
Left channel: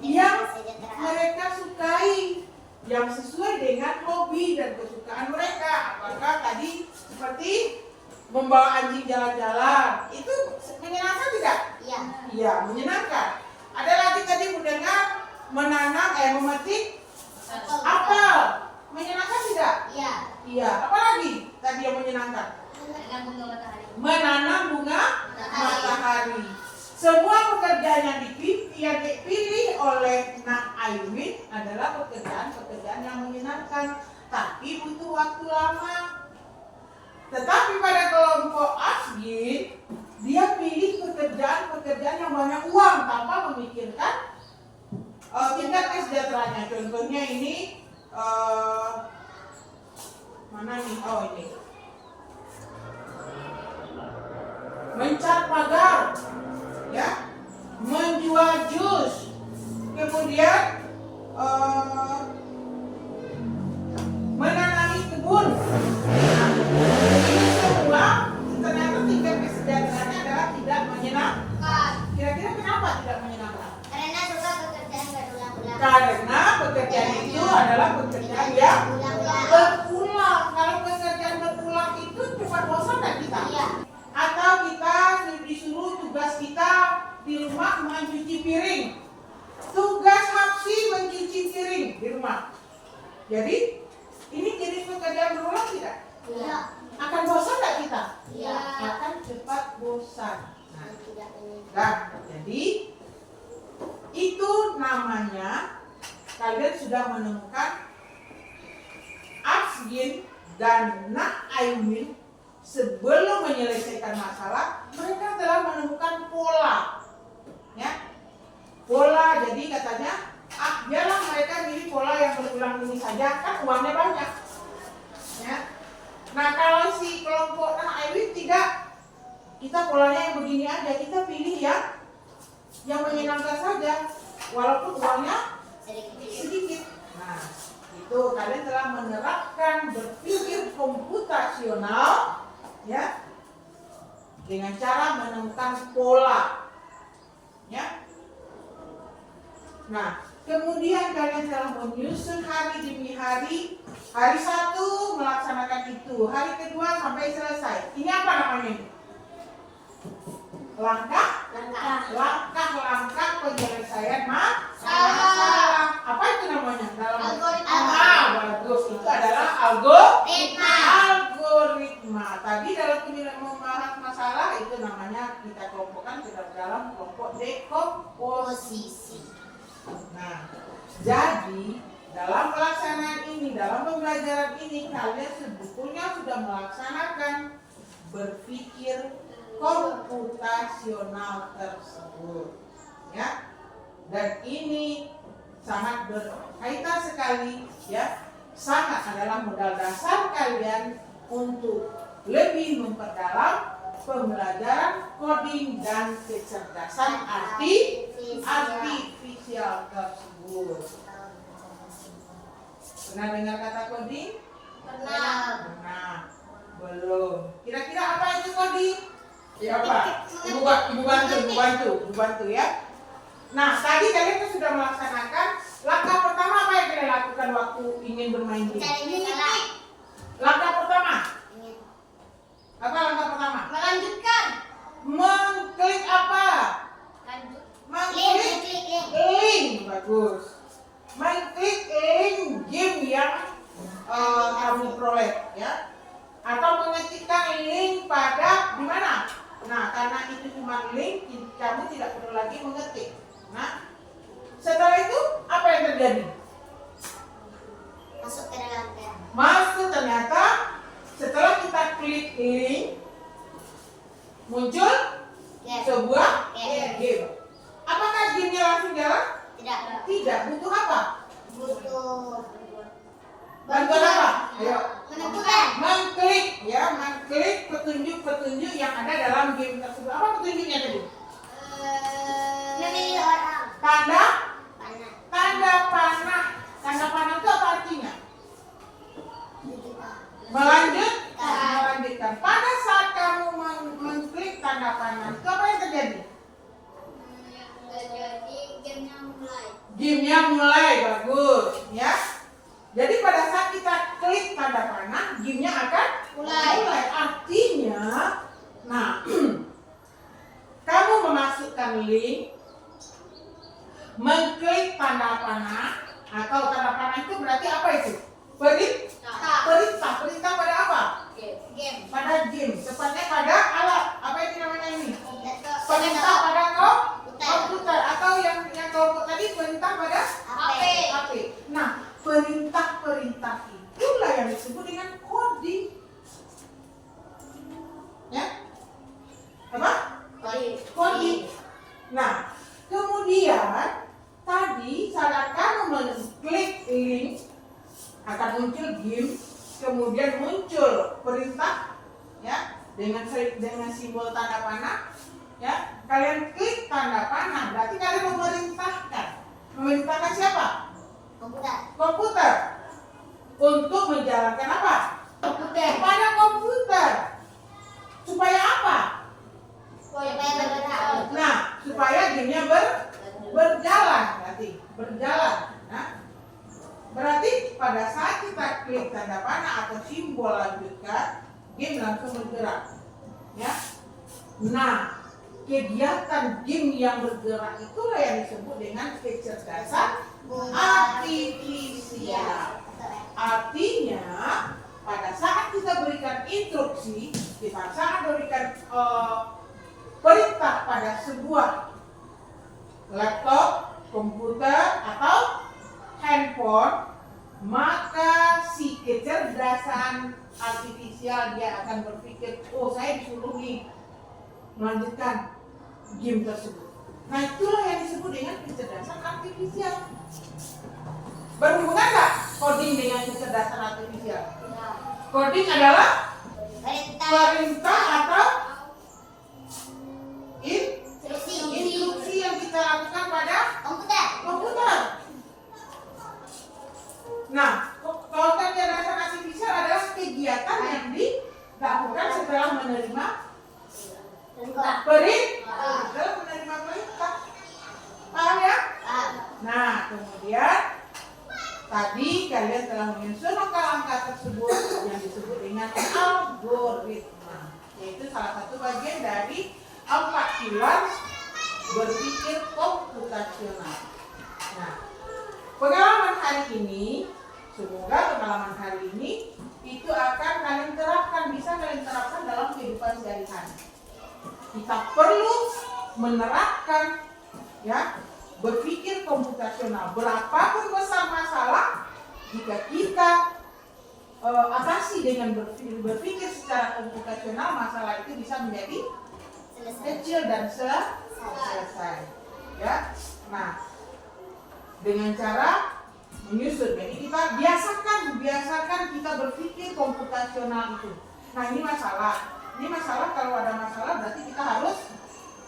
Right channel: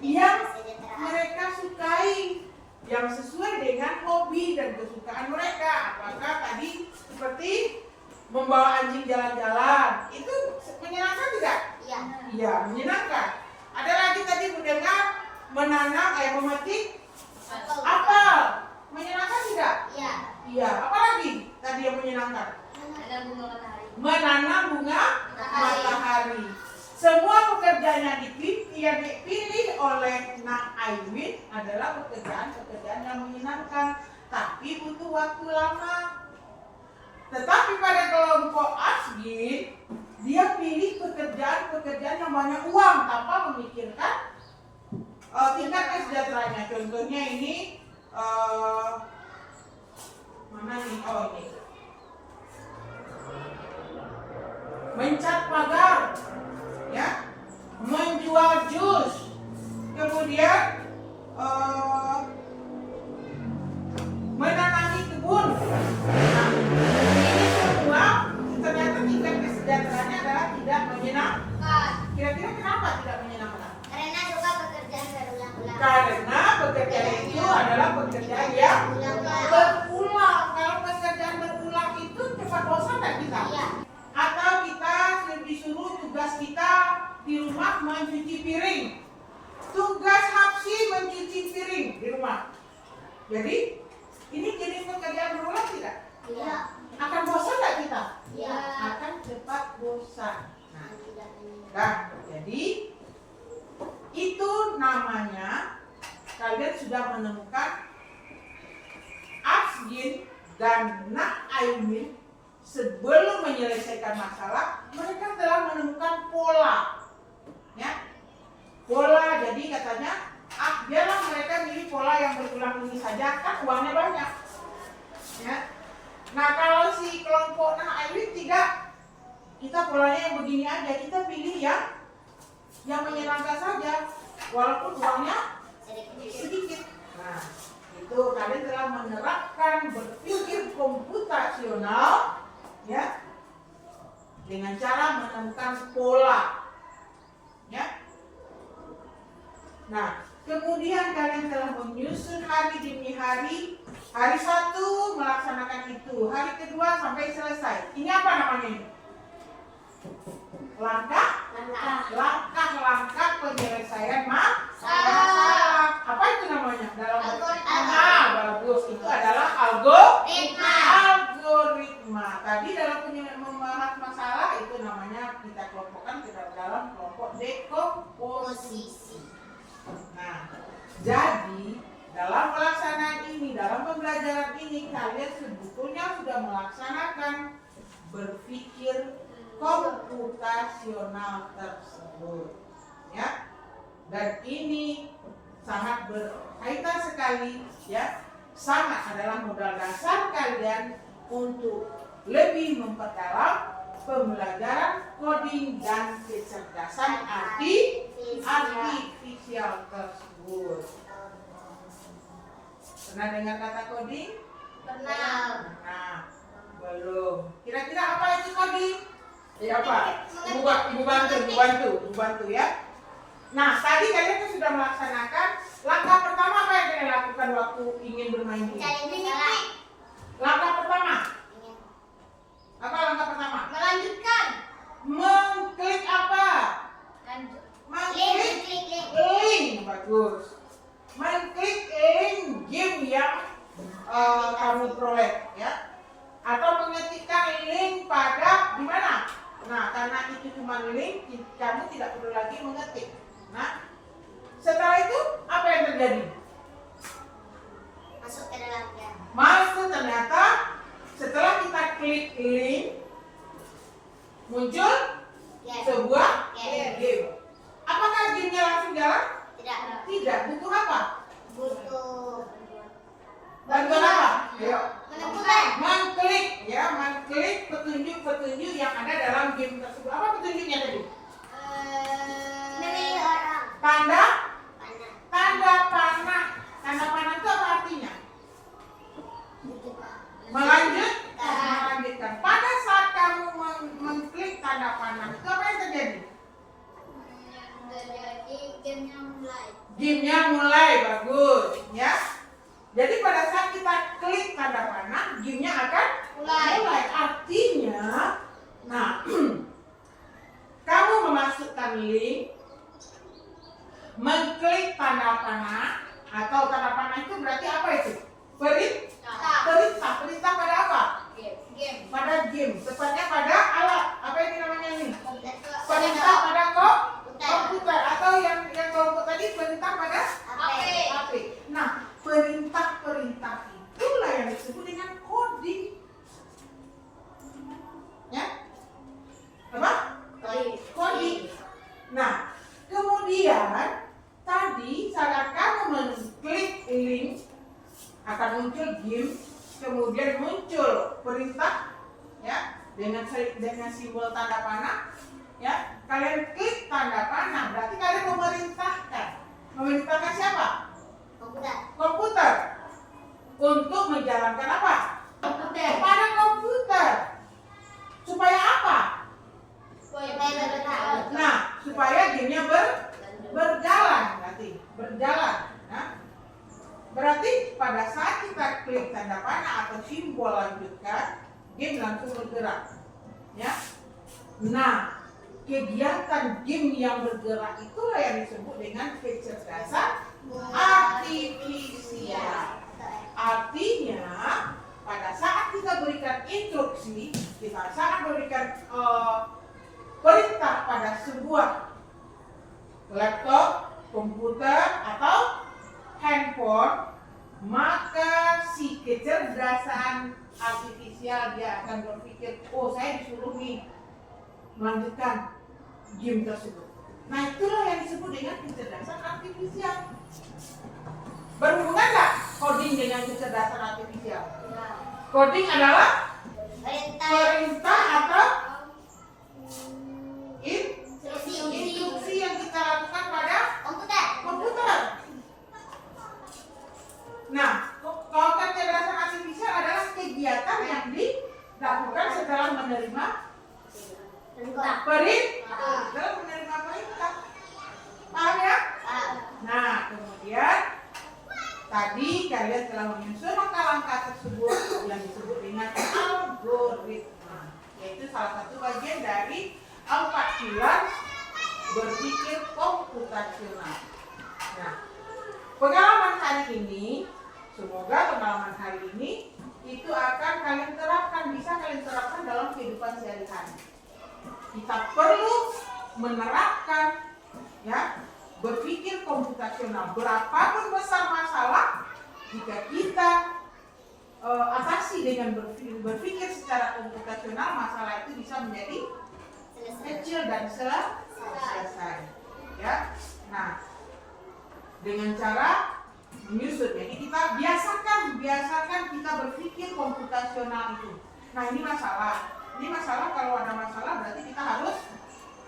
yang mereka sukai, yang sesuai dengan hobi dan kesukaan mereka. Apakah tadi seperti membawa anjing jalan-jalan, itu menyenangkan tidak? Iya. Iya, menyenangkan. Ada lagi tadi mendengar menanam, memetik apel, menyenangkan tidak? Iya. Iya. Apa lagi tadi yang menyenangkan? Ada bunga matahari. Menanam bunga matahari. Semua pekerjaan yang dipilih oleh Na'iwin adalah pekerjaan-pekerjaan yang menyenangkan, tapi butuh waktu lama. Tetapi pada kelompok Asgin, dia pilih pekerjaan-pekerjaan yang banyak uang tanpa memikirkan tingkat kesejahteraannya. Contohnya ini, mana nih? Oh ini, mencat pagar, ya, menjual jus, kemudian menanami kebun. Nah, ini semua ternyata tingkat kesejahteraannya adalah tidak menyenangkan. Kira-kira kenapa tidak menyenangkan? Karena suka pekerjaan berulang-ulang. Karena pekerjaan itu adalah pekerjaan yang berulang. Kalau pekerjaan berulang itu cepat bosan kan kita? Iya. Atau kita disuruh tugas kita di rumah mencuci piring. Tugas Hapsi mencuci piring di rumah. Jadi ini jenis pekerjaan berulang tidak? Iya. Akan bosan tidak kita? Iya. Akan cepat bosan. Nah, jadi itu namanya kalian sudah menemukan Asgin dan Na'iwin. Sebelum menyelesaikan masalah, mereka telah menemukan pola, ya, pola. Jadi katanya, biarlah mereka milih pola yang berulang ini saja, kan uangnya banyak, ya. Nah kalau si kelompok Na'iwin tidak, kita polanya yang begini aja, kita pilih yang menyenangkan saja, walaupun uangnya sedikit. Nah, itu kalian telah menerapkan berpikir komputasional, ya, dengan cara menemukan pola, ya. Nah, kemudian kalian telah menyusun hari demi hari. Hari 1 melaksanakan itu, hari kedua sampai selesai. Ini apa namanya ini? Langkah penyelesaian masalah. Apa itu namanya? Dalam bagus. Itu adalah algoritma. Tadi dalam membahas masalah itu namanya kita kelompokkan ke dalam kelompok dekomposisi. Nah, jadi dalam pelaksanaan ini, dalam pembelajaran ini, kalian sebetulnya sudah melaksanakan berpikir komputasional tersebut, ya. Dan ini sangat berkaitan sekali, ya. Sangat adalah modal dasar kalian untuk lebih memperdalam pembelajaran coding dan kecerdasan artifisial tersebut. Pernah dengar kata coding? Pernah. Belum. Kira-kira apa itu coding? Ya apa? Ibu bantu ya. Nah, tadi kalian tuh sudah melaksanakan langkah pertama. Apa yang kalian lakukan waktu ingin bermain game? Langkah pertama. Apa langkah pertama? Melanjutkan. Mengklik apa? Lanjut. Mengklik link. Bagus. Mengklik link game yang kamu peroleh, ya. Atau mengetikkan link pada di mana? Nah, karena itu cuma link, kamu tidak perlu lagi mengetik. Nah, setelah itu apa yang terjadi? Masuk ke dalam game. Masuk, ternyata setelah kita klik link muncul sebuah game. Apakah gamenya langsung jalan? Tidak. Tidak. Butuh apa? Butuh Bantuan apa? Ayo. menentukan. Mengklik ya, mengklik petunjuk-petunjuk yang ada dalam game tersebut. Apa petunjuknya tadi? Memilih orang. Tanda Panah. tanda panah. Tanda panah itu apa artinya? Melanjutkan. Pada saat kamu mengklik tanda panah, itu apa yang terjadi? Jadi gamenya mulai. Gamenya mulai, bagus ya. Jadi pada saat kita klik tanda panah, gamenya akan mulai. Artinya, nah, kamu memasukkan link, mengklik tanda panah, atau tanda panah itu berarti apa itu? Perintah pada apa? Game. Pada game, tepatnya pada alat. Apa yang namanya ini? Perintah pada komputer atau yang kelompok tadi perintah pada HP. Nah, perintah-perintah itulah yang disebut dengan coding. Ya? Apa? Coding. Nah, kemudian tadi saat kamu mengklik link akan muncul game, kemudian muncul perintah ya dengan simbol tanda panah ya. Kalian klik tanda panah berarti kalian memerintahkan siapa? Komputer untuk menjalankan apa? Pada komputer supaya apa? Nah, supaya gamenya berjalan nanti Nah, berarti pada saat kita klik tanda panah atau simbol lanjutkan, game langsung bergerak ya. Nah, kegiatan game yang bergerak itulah yang disebut dengan kecerdasan artifisial. Artinya pada saat kita berikan instruksi, kita saat berikan perintah pada sebuah laptop, komputer atau handphone, maka si kecerdasan artifisial dia akan berpikir, oh saya disuruh nih melanjutkan game tersebut. Nah, itulah yang disebut dengan kecerdasan artifisial. Berhubungan nggak coding dengan kecerdasan artifisial? Coding adalah perintah atau instruksi yang kita lakukan pada komputer. Nah, kalau kecerdasan artifisial adalah kegiatan yang dilakukan setelah menerima perintah. Paham ya? Nah, kemudian tadi kalian telah menyusun langkah-langkah tersebut yang disebut dengan algoritma, yaitu salah satu bagian dari 4 pilar berpikir komputasional. Nah, pengalaman hari ini, semoga pengalaman hari ini itu akan kalian terapkan, bisa kalian terapkan dalam kehidupan sehari-hari. Kita perlu menerapkan ya berpikir komputasional. Berapapun besar masalah, jika kita atasi dengan berpikir secara komputasional, masalah itu bisa menjadi kecil dan selesai. Ya, nah dengan cara menyusun. Jadi kita biasakan kita berpikir komputasional itu. Nah, ini masalah kalau ada masalah berarti kita harus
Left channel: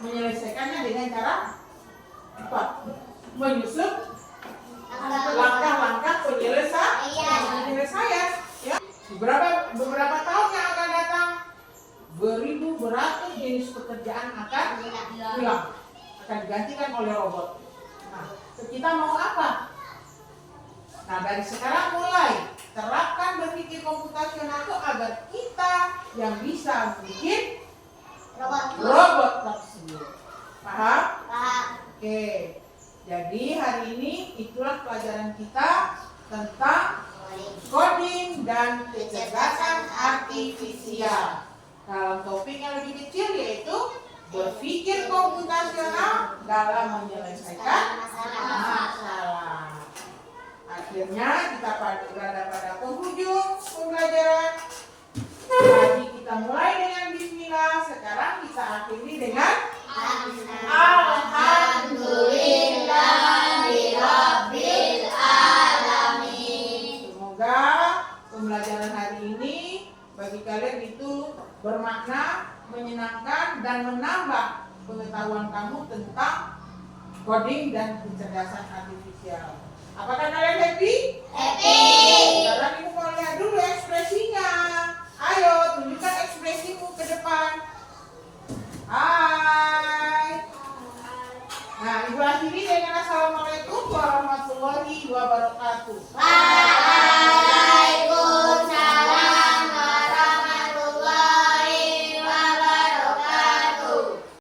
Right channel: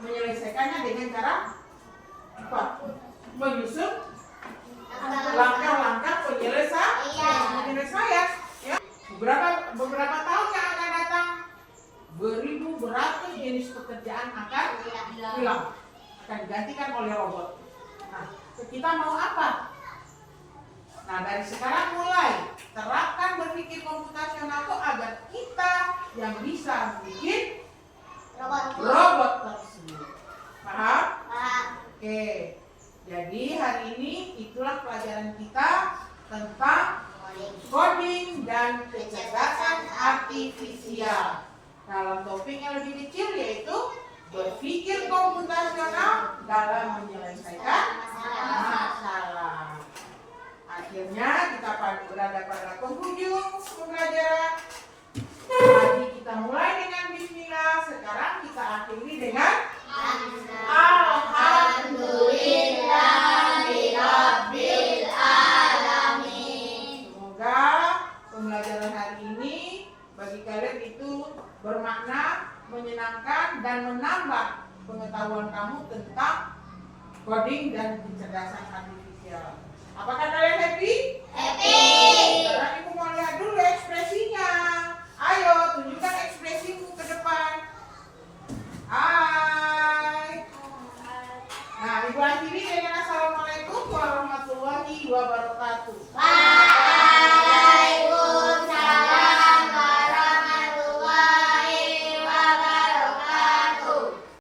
menyelesaikannya dengan cara apa? Menyusun langkah-langkah penyelesaian. Ya. Beberapa tahun yang akan datang, beratus jenis pekerjaan akan hilang, akan digantikan oleh robot. Nah, kita mau apa? Nah, dari sekarang mulai terapkan berpikir komputasional itu agar kita yang bisa bikin robot tersebut. Paham? Oke. Jadi hari ini itulah pelajaran kita tentang coding dan kecerdasan artifisial. Dalam topik yang lebih kecil yaitu berpikir komputasional dalam menyelesaikan masalah. Akhirnya kita berada pada penghujung pembelajaran. Tadi kita mulai dengan bismillah, sekarang kita akhiri dengan alhamdulillahirabbil alamin. bermakna, menyenangkan, dan menambah pengetahuan kamu tentang coding dan kecerdasan artifisial. Apakah kalian happy? Happy. Sekarang ibu mau lihat dulu ekspresinya. Ayo tunjukkan ekspresimu ke depan. Hai. Nah, ibu akhiri dengan assalamualaikum warahmatullahi wabarakatuh. Bye.